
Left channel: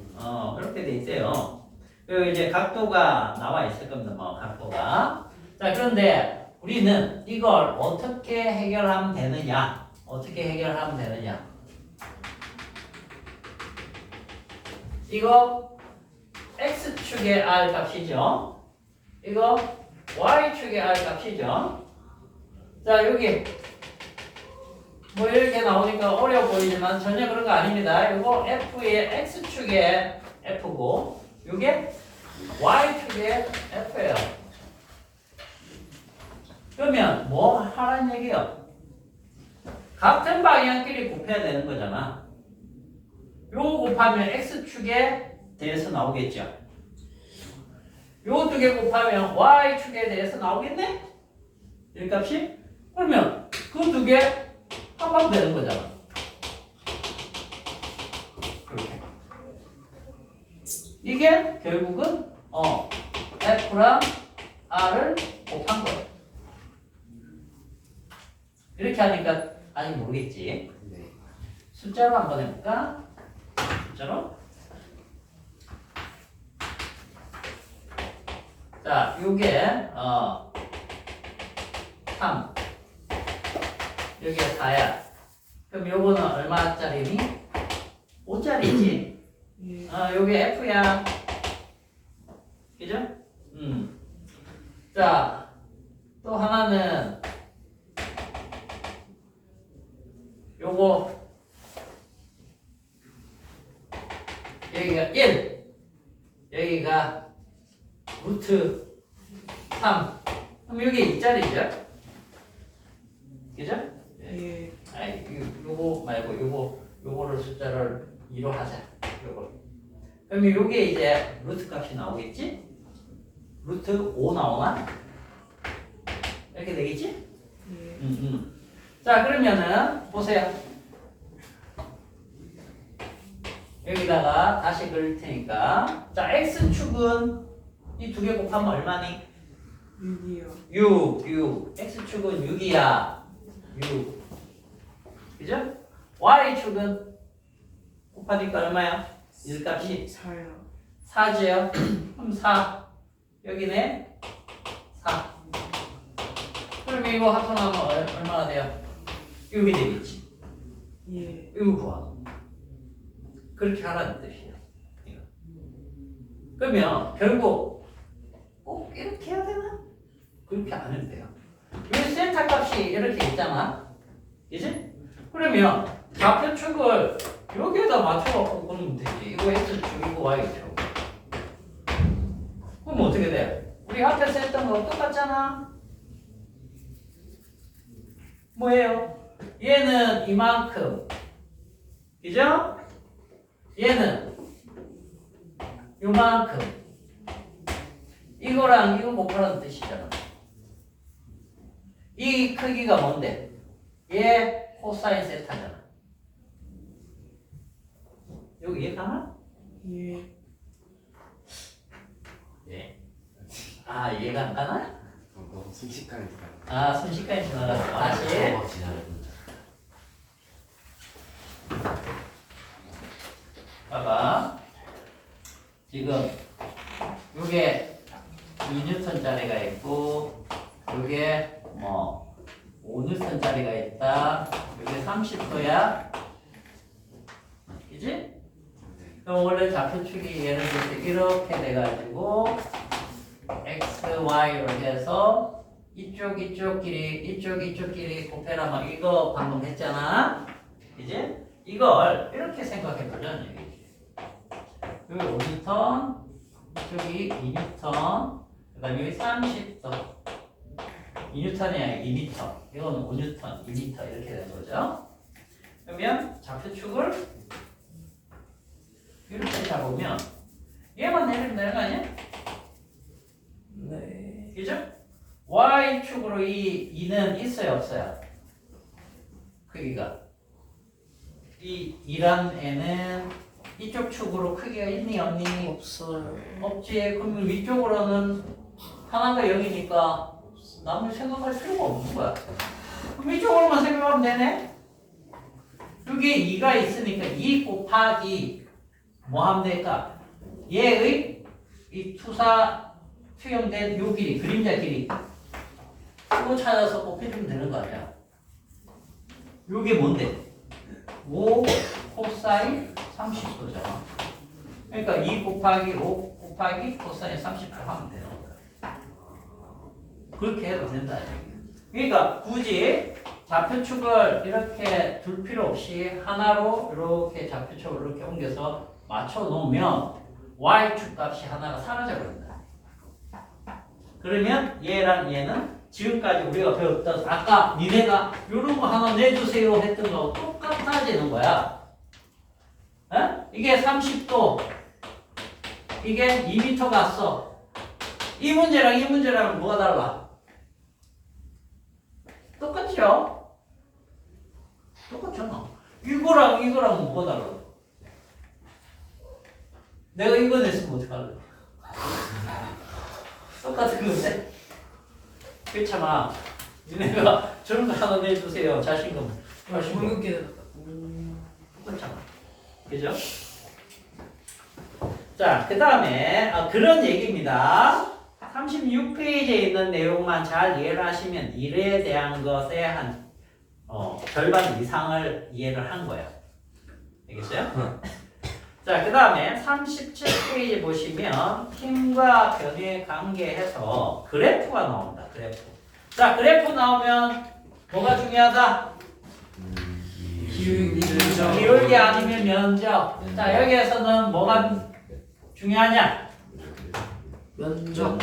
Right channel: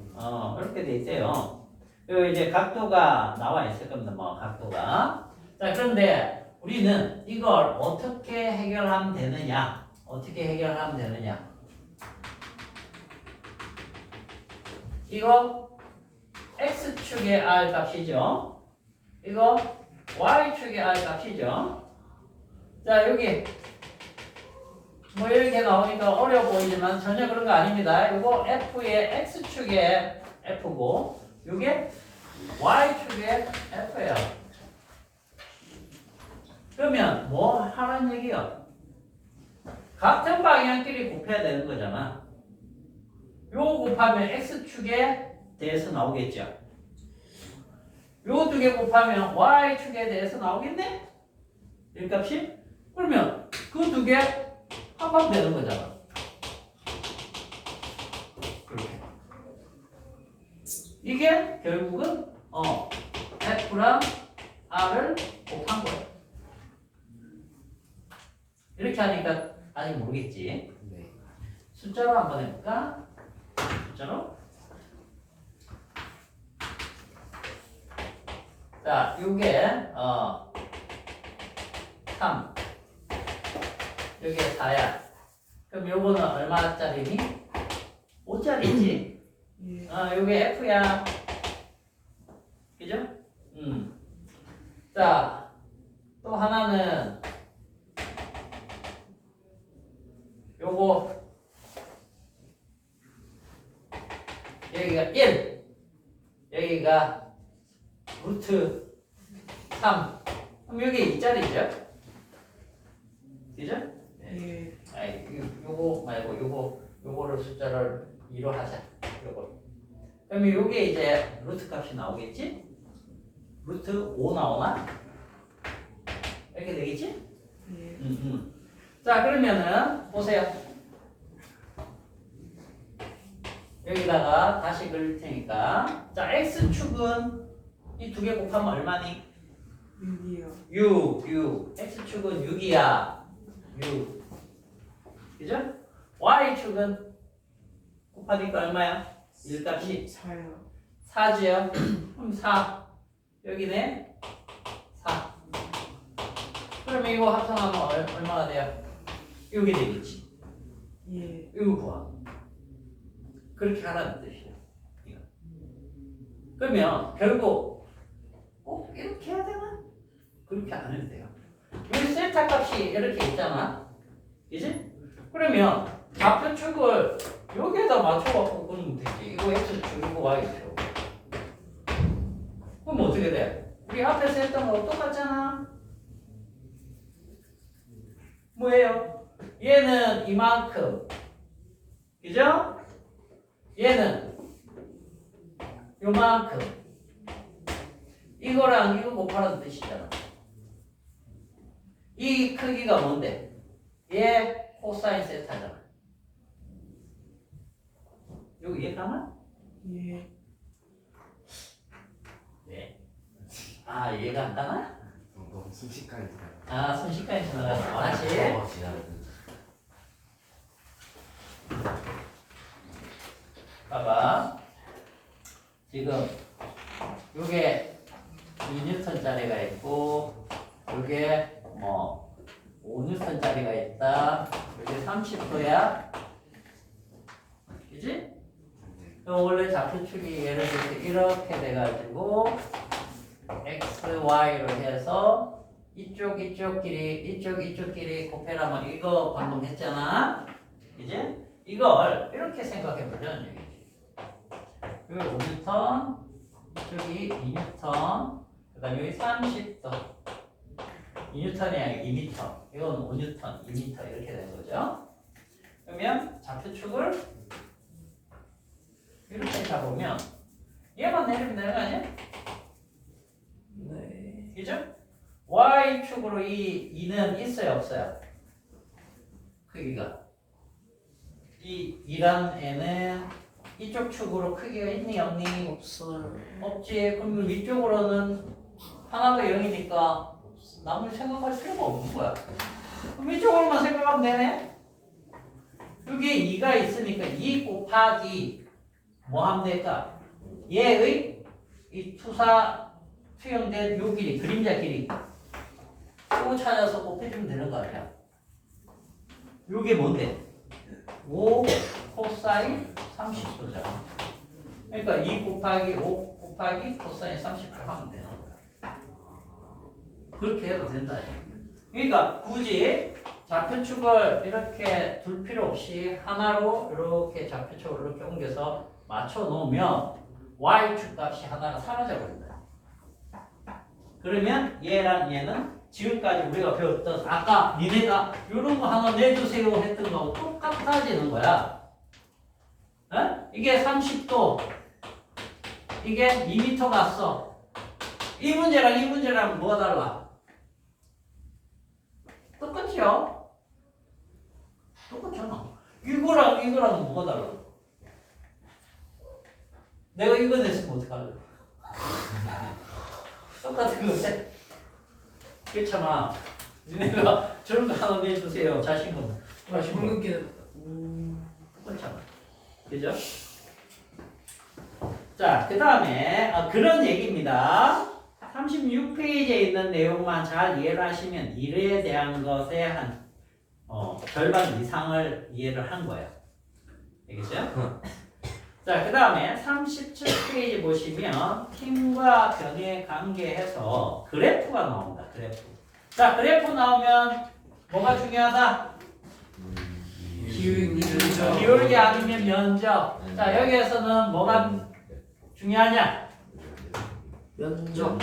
이렇게 돼 있어요. 그리고 이제 각도가 나와 있을 겁니다. 뭐, 각도가. 자, 그런데 우리는 이걸 어떻게 해결하면 되느냐? 어떻게 해결하면 되느냐? 이거 X축의 R 값이죠. 이거 Y축의 R 값이죠. 자, 여기 뭐 이렇게 나오니까 어려워 보이지만 전혀 그런 거 아닙니다. 이거 F의 X축의 F고 이게 Y축의 F예요. 그러면 뭐 하라는 얘기요? 같은 방향끼리 곱해야 되는 거잖아. 요거 곱하면 X축에 대해서 나오겠죠. 요 두 개 곱하면 Y축에 대해서 나오겠네? 이 값이? 그러면 그 두 개 합하면 되는 거잖아. 이렇게. 이게 결국은 F랑 r을 곱한 거예요. 이렇게 하니까 아직 모르겠지. 네. 숫자로 한번 해볼까? 숫자로. 자, 요게 3. 여기가 4야. 그럼 요거는 얼마짜리니? 5짜리지. 예. 요게 F야. 그죠? 자, 또 하나는 요거 여기가 1 여기가 루트 3 그럼 여기 2짜리죠? 그죠? 예. 아이 요거 말고 요거를 숫자를 2로 하자. 요거. 그럼 요게 이제 루트 값이 나오겠지? 루트 5 나오나? 이렇게 되겠지? 예. 자, 그러면은 보세요. 여기다가 다시 그릴 테니까 자, x축은 이 두 개 곱하면 얼마니? 6이요. 6 x축은 6이야 6 그죠? y축은 곱하니까 얼마야? 1값이 4요. 4죠? 그럼 4 여기네 4 그러면 이거 합성하면 얼마가 돼요? 6이 되겠지. 예. 이거 구하. 그렇게 하라는 뜻이에요. 이거. 그러면 결국 꼭 이렇게 해야 되나? 그렇게 안 해도 돼요. 여기 셀타 값이 이렇게 있잖아. 그지? 그러면 좌표축을 여기에다 맞춰갖고 보면 되지. 이거 x축, 이거 y축. 그럼 어떻게 돼? 우리 앞에서 했던 거 똑같잖아. 뭐예요? 얘는 이만큼. 그죠? 얘는 요만큼. 이거랑 이거 곱하라는 뜻이잖아. 이 크기가 뭔데? 얘 코사인 세타잖아. 여기 이해가나? 예. 예. 아, 이해가 안 가나? 너무 순식간에 들어가요. 아, 순식간에 지나가서 다시. 봐봐. 지금 요게 2N짜리가 있고 요게 뭐 5N짜리가 있다. 요게 30도야. 그지? 그럼 원래 좌표축이 예를 들어서 이렇게 돼가지고 x, y로 해서 이쪽끼리 곱해라면 이거 방금 했잖아. 이제 이걸 이렇게 생각해 보자는 얘기지. 여기 5뉴턴, 이쪽이 2뉴턴, 그다음에 여기 30도. 2뉴턴이 아니라 2m. 이건 5뉴턴, 2m 이렇게 되는 거죠. 그러면 좌표축을 이렇게 잡으면 얘만 내리면 되는 거 아니야? 네. 그죠? y축으로 이 2는 있어요, 없어요? 크기가. 이 2란 애는 이쪽 축으로 크기가 있니, 없니? 없어요. 없지. 그럼 위쪽으로는 하나가 0이니까 남을 생각할 필요가 없는 거야. 그럼 이쪽으로만 생각하면 되네? 여기 2가 있으니까 2 곱하기 뭐 하면 될까? 얘의 이 투사 투영된 요 길이, 그림자 길이 이거 찾아서 곱해주면 되는 거 아니야? 요게 뭔데? 5 코사인 30도잖아. 그러니까 2 곱하기 5 곱하기 코사인 30도 하면 되는 거야. 그렇게 해도 된다. 그러니까 굳이 좌표축을 이렇게 둘 필요 없이 하나로 이렇게 좌표축을 이렇게 옮겨서 맞춰 놓으면 y축 값이 하나가 사라져 버린다. 그러면 얘랑 얘는 지금까지 우리가 배웠던 아까 니네가 이런 거 하나 내주세요 했던 거하고 똑같아지는 거야. 어? 이게 30도, 이게 2m 갔어. 이 문제랑 뭐가 달라? 똑같죠? 똑같잖아. 이거랑 뭐가 달라? 내가 이거 냈으면 어떡할래? 똑같은 건데? 그렇잖아. 니네가 저런 거 하나 내주세요. 자신감. 방금 깨달았다. 그렇잖아. 그죠? 자, 그 다음에 그런 얘기입니다. 36페이지에 있는 내용만 잘 이해를 하시면 일에 대한 것에 한 절반 이상을 이해를 한 거예요. 알겠어요? 자, 그 다음에 37페이지 보시면 힘과 변의 관계해서 그래프가 나옵니다. 그래프. 자, 그래프 나오면 뭐가 중요하다? 기울기 아니면 면적. 자, 여기에서는 뭐가 중요하냐? 면적.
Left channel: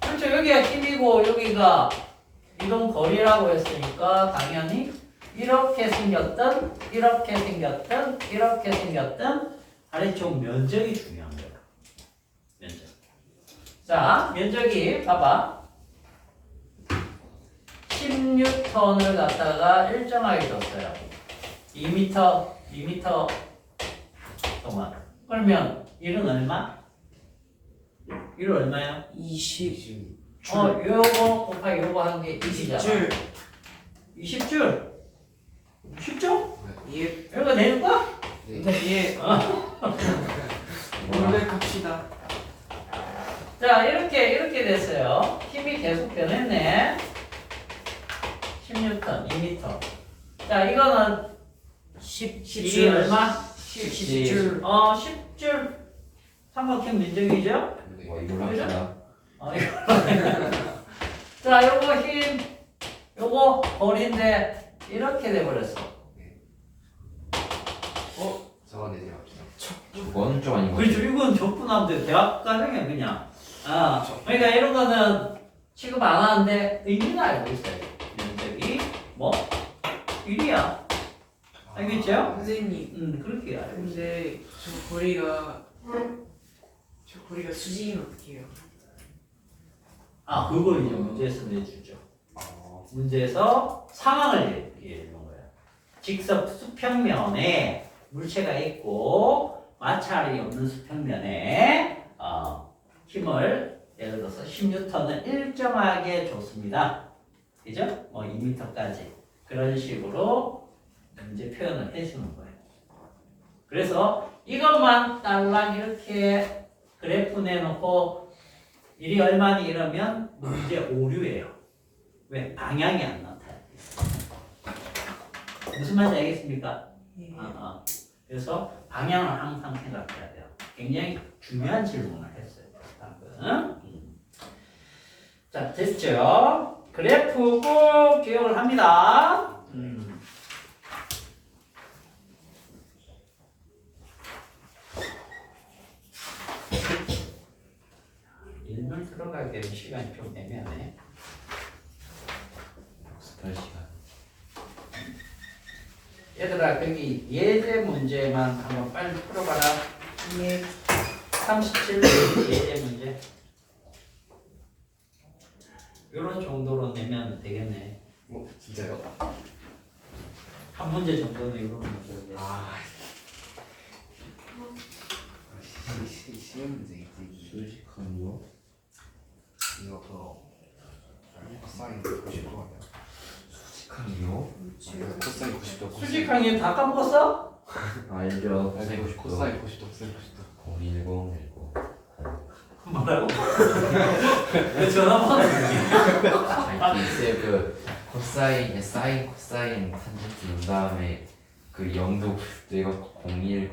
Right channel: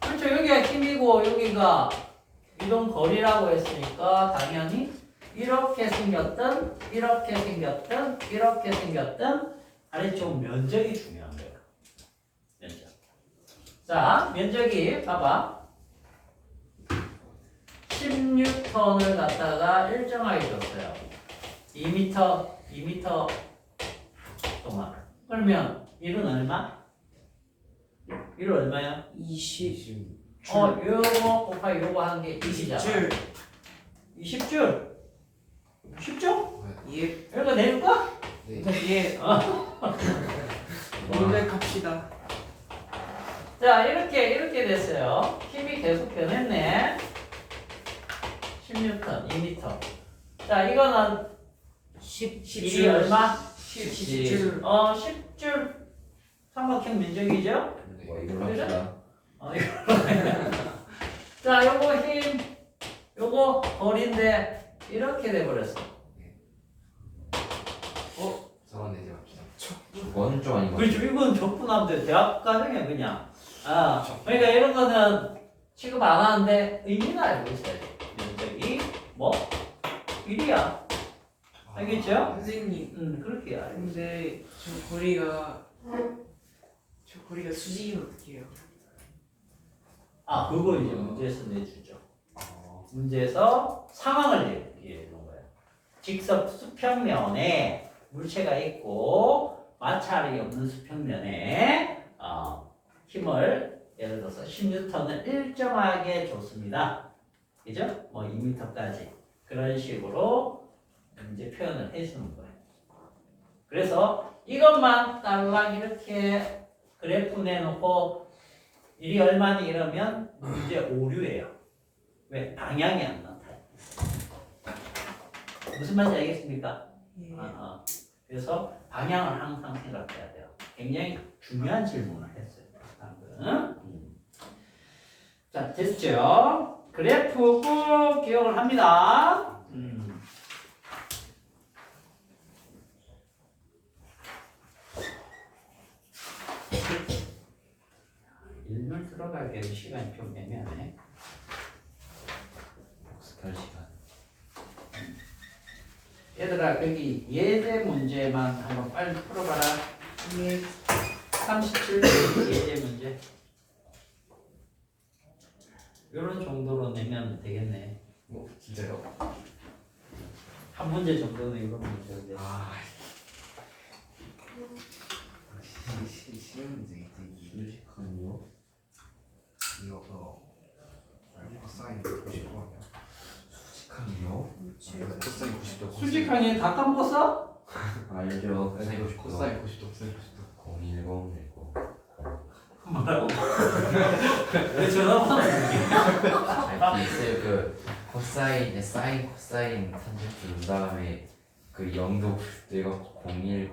그렇죠. 여기가 힘이고 여기가 이동 거리라고 했으니까 당연히 이렇게 생겼든 이렇게 생겼든 이렇게 생겼든 아래쪽 면적이 중요한 거야. 면적. 자, 면적이 봐봐. 10N을 갖다가 일정하게 줬어요. 2m 동안. 그러면 1은 얼마? 1은 얼마야? 20. 요거 곱하기 요거 하는 게 20이잖아. 20줄. 20줄? 쉽죠? 예. 이거 내줄까? 예. 원래 갑시다. 자, 이렇게 됐어요. 힘이 계속 변했네. 10N, 2m. 자, 이거는 10이 얼마? 10줄. 10줄 삼각형 면적이죠? 이걸로 합시다. 자, 요거 힘, 요거 거리인데 이렇게 돼버렸어. 저건 내지 맙시다. 저건 좀 아닌 것 그렇죠. 같아요. 이건 적분하면 대학 가능해 그냥. 그러니까 이런 거는 취급 안 하는데 의미는 알고 있어요. 면적이 뭐 1이야. 알겠죠? 선생님. 그렇게 알고 있어요. 근데 저 거리가 수직이면 어떻게 해요? 그걸 이제 문제에서 내주죠. 문제에서 상황을 얘기해 주는 거야. 직접 수평면에 물체가 있고 마찰이 없는 수평면에 힘을 예를 들어서 10N을 일정하게 줬습니다. 그죠? 2m까지 그런 식으로 문제 표현을 해주는 거예요. 그래서 이것만 딸랑 이렇게 그래프 내놓고 일이 얼마니 이러면 문제 오류예요. 왜? 방향이 안 나타나요. 무슨 말인지 알겠습니까? 예. 그래서 방향을 항상 생각해야 돼요. 굉장히 중요한 질문을 했어요. 방금. 자, 됐죠? 그래프 꼭 기억을 합니다. 일본 들어가기에는 시간이 좀 애매하네. 스탈 시간. 얘들아, 여기 예제 문제만 한번 빨리 풀어봐라. 예. 37페이지 예제 문제. 이런 정도로 내면 되겠네. 진짜요? 한 문제 정도는 이런 문제인데. 쉬운 문제겠지. 수직한요? 이거 그거 코사인 90도 수직한요? 아니야? 코사인 90도. 수직항에 다 까먹었어? 알죠. 코사인 90도, 코사인 90도. 01010. 뭐라고? 왜 전화번호 글쎄 그 코사인, 사인, 코사인 탄젠트 준 다음에 그 0도 90도가 010, 10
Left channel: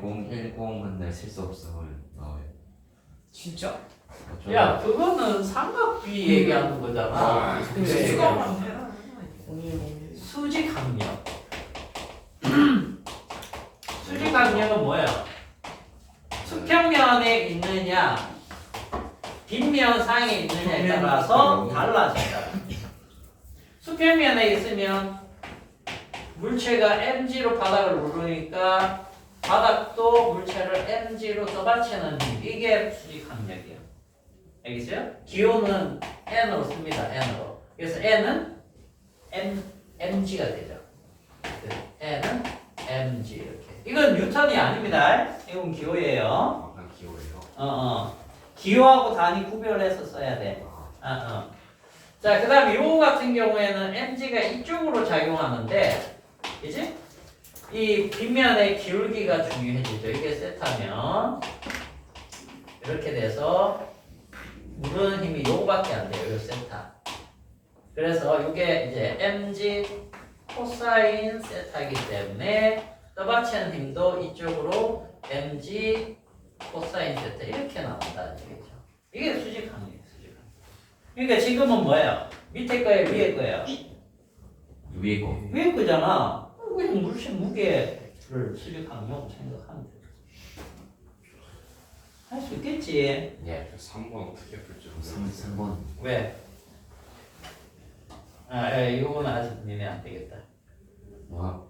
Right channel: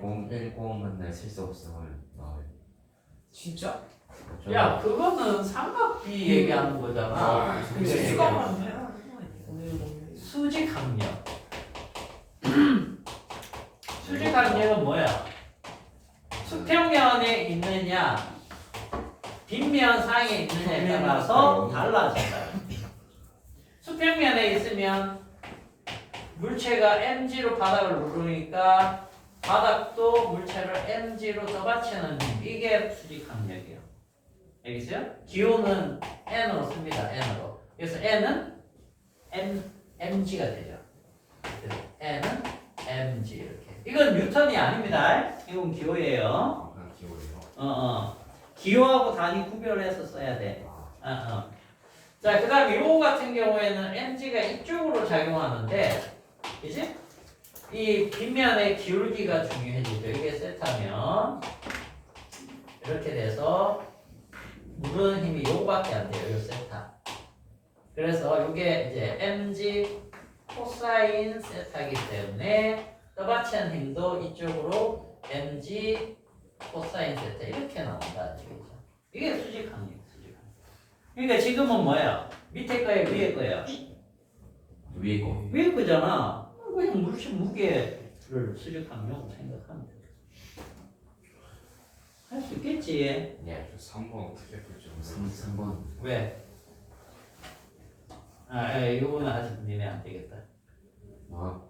근데 쓸 수 없으면 나와요. 진짜? 야, 그거는 삼각비 얘기하는 거잖아. 근데 그게 수가만 해라. 수직항력. 수직항력은 뭐야? 수평면에 있느냐, 빗면 상에 있느냐에 따라서 달라진다. 수평면에 있으면 물체가 mg로 바닥을 누르니까 바닥도 물체를 mg로 떠받치는 힘. 이게 수직항력이에요. 알겠어요? 기호는 n으로 씁니다. n으로. 그래서 n은 mg가 되죠. n은 mg 이렇게. 이건 뉴턴이 아닙니다. 이건 기호예요. 그냥 기호예요. 기호하고 단위 구별해서 써야 돼. 자, 그 다음 요거 같은 경우에는 mg가 이쪽으로 작용하는데, 그지? 이 빗면의 기울기가 중요해지죠. 이게 세타면 이렇게 돼서 무르는 힘이 요거밖에 안 돼요. 요 세타. 그래서 요게 이제 mg 코사인 세타이기 때문에 떠받치는 힘도 이쪽으로 mg 코사인 세타 이렇게 나온다는 얘기죠. 이게 수직항이에요. 수직항. 그러니까 지금은 뭐예요? 밑에 거예요? 위에 거예요? 위에 거. 위에 거잖아. 그냥 물씬 무게를 수직항용으로 생각하면 돼. 할 수 있겠지. 예. 3번 어떻게 풀지 3번. 왜? 이거는 아직 니네 안 되겠다. 아,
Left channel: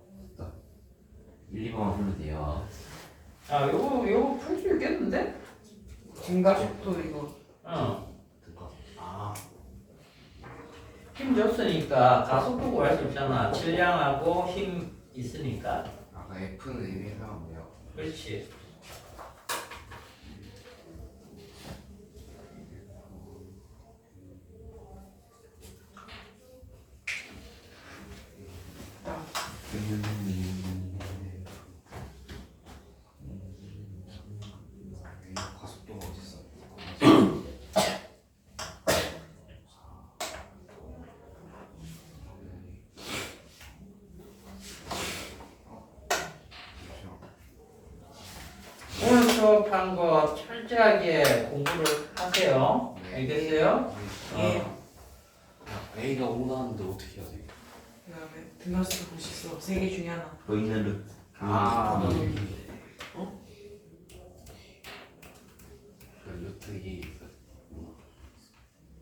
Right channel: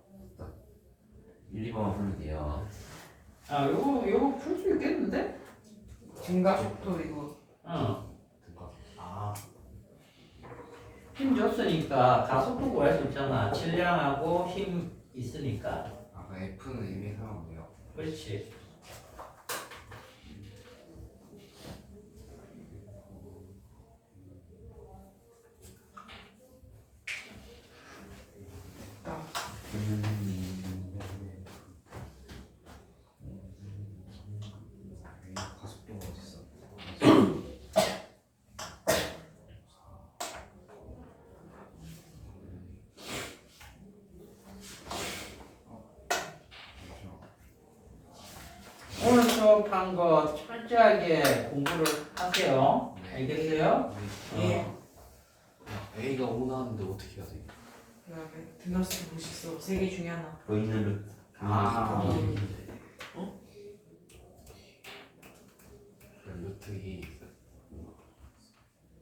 1, 2번만 풀면 돼요. 요거 풀 수 있겠는데? 증가속도 이거. 힘 줬으니까 가속도 구할 수 있잖아. 질량하고 힘 있으니까. 아까 F는 의미를 하면 돼요. 그렇지. 가속도가 어딨어? 오늘 수업한 거 철저하게 공부를 하세요. 네. 알겠어요? 예. A가 5 나왔는데 어떻게 해야 돼? 그다음에 등하수 보시죠. 3개 중에 하나. 보이는 루트. 루트 2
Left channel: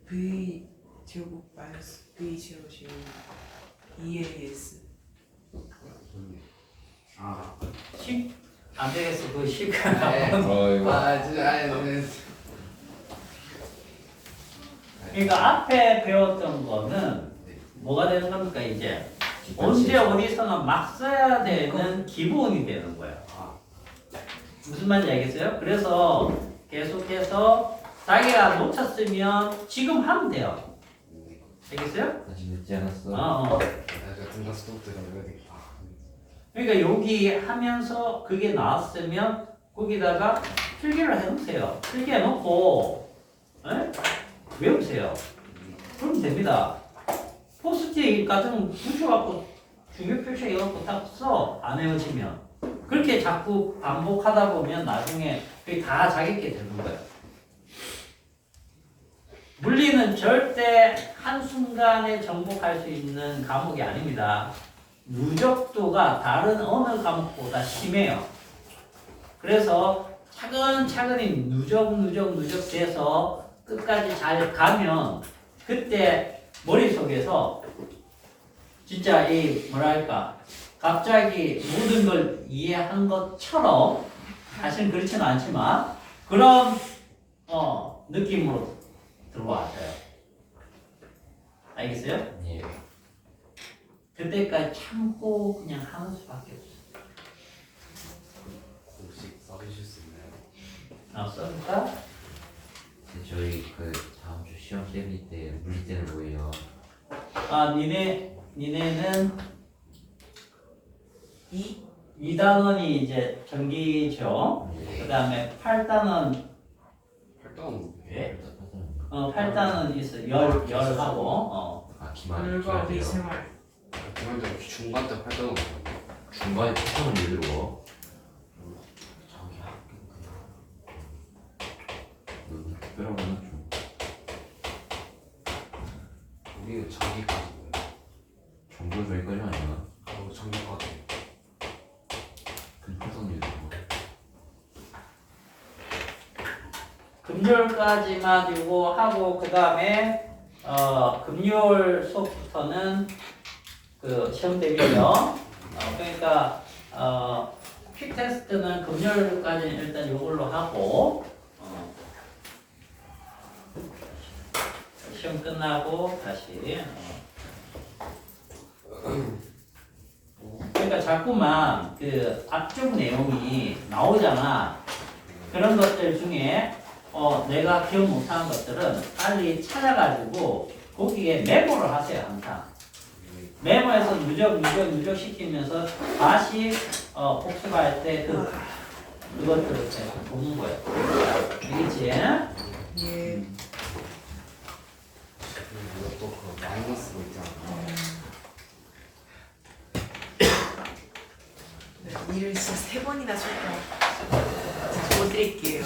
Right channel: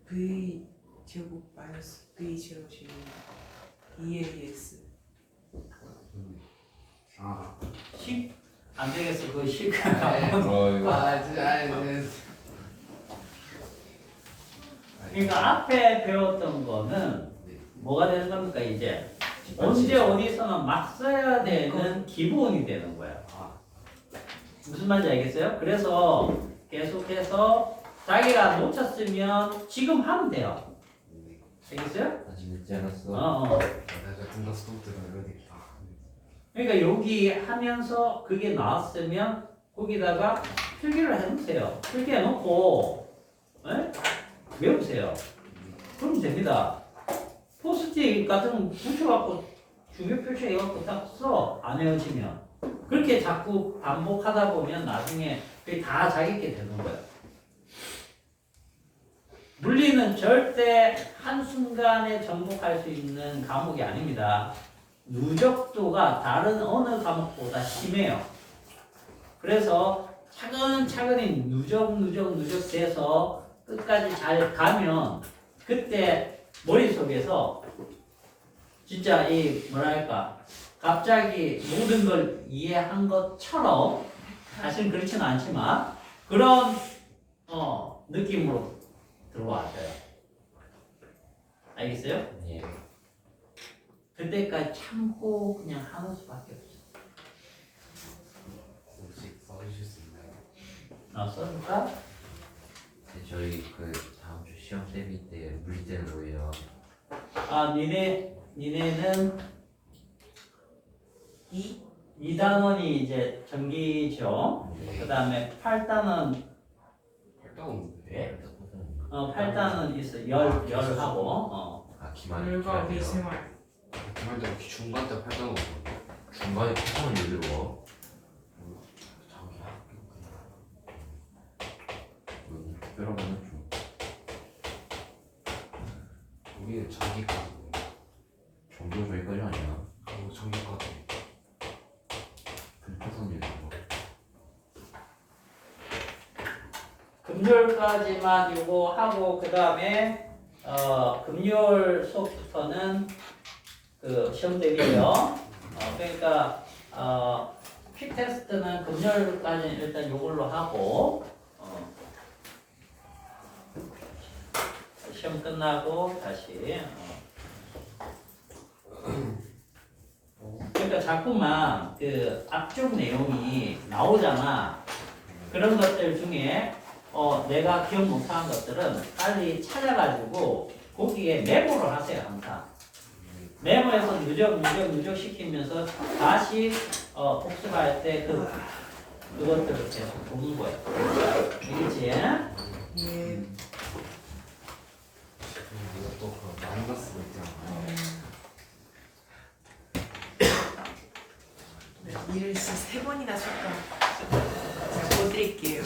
V 제곱 마이너스 V 제곱 제곱 2AS. 아, 10? 안 되겠어. 그거 10. 진짜 그러니까 앞에 배웠던 거는 뭐가 되는 겁니까 이제? 언제 어디서나 막 써야 되는 기본이 되는 거야. 무슨 말인지 알겠어요? 그래서 계속해서 자기가 놓쳤으면 지금 하면 돼요. 알겠어요? 다시 늦지 않았어. 내가 등가스도 때문에 되겠다. 그러니까 여기 하면서 그게 나왔으면 거기다가 필기를 해놓으세요. 필기해놓고 외우세요. 그러면 됩니다. 포스트잇 같은 거 붙여갖고 중요 표시해갖고 딱 써. 안 외워지면. 그렇게 자꾸 반복하다 보면 나중에 그게 다 자기게 되는 거예요. 물리는 절대 한순간에 정복할 수 있는 과목이 아닙니다. 누적도가 다른 어느 과목보다 심해요. 그래서 차근차근히 누적 돼서 끝까지 잘 가면 그때 머릿속에서 진짜 이 뭐랄까 갑자기 모든 걸 이해한 것처럼 사실 그렇지는 않지만 그런 느낌으로 들어와줘요. 알겠어요? 예. 그때까지 참고 그냥 하는 수밖에 없어. 공식 써주실 수 있나요? 써줄까? 네, 저희 그 다음 주 시험 때릴 때 물리 때는 뭐예요? 니네는 2단원이 이제 전기죠. 네. 그 다음에 8단원, 8단 왜? 8단원 있어. 열하고, 기만이 열과 우리 생활. 그만큼 중간 때 8단 중간에 패턴을 왜 들어? 저기 특별한 거는 좀 우리 저기까지 정도 저기까지 아니야. 저기까지 그 패턴이 왜 들어? 금요일까지만 이거 하고, 그 다음에, 금요일 수업부터는 그 시험 대비죠. 그러니까, 퀵 테스트는 금요일까지 일단 이걸로 하고, 시험 끝나고 다시. 그러니까 자꾸만 그 앞쪽 내용이 나오잖아. 그런 것들 중에 내가 기억 못하는 것들은 빨리 찾아가지고 거기에 메모를 하세요 항상. 메모해서 누적 시키면서 다시 복습할 때 그것들을 계속 보는 거예요. 알겠지? 예. 이것도 그 마이너스가 있잖아. 네, 일을 진짜 3번이나 쳤다. 자, 뭐 드릴게요.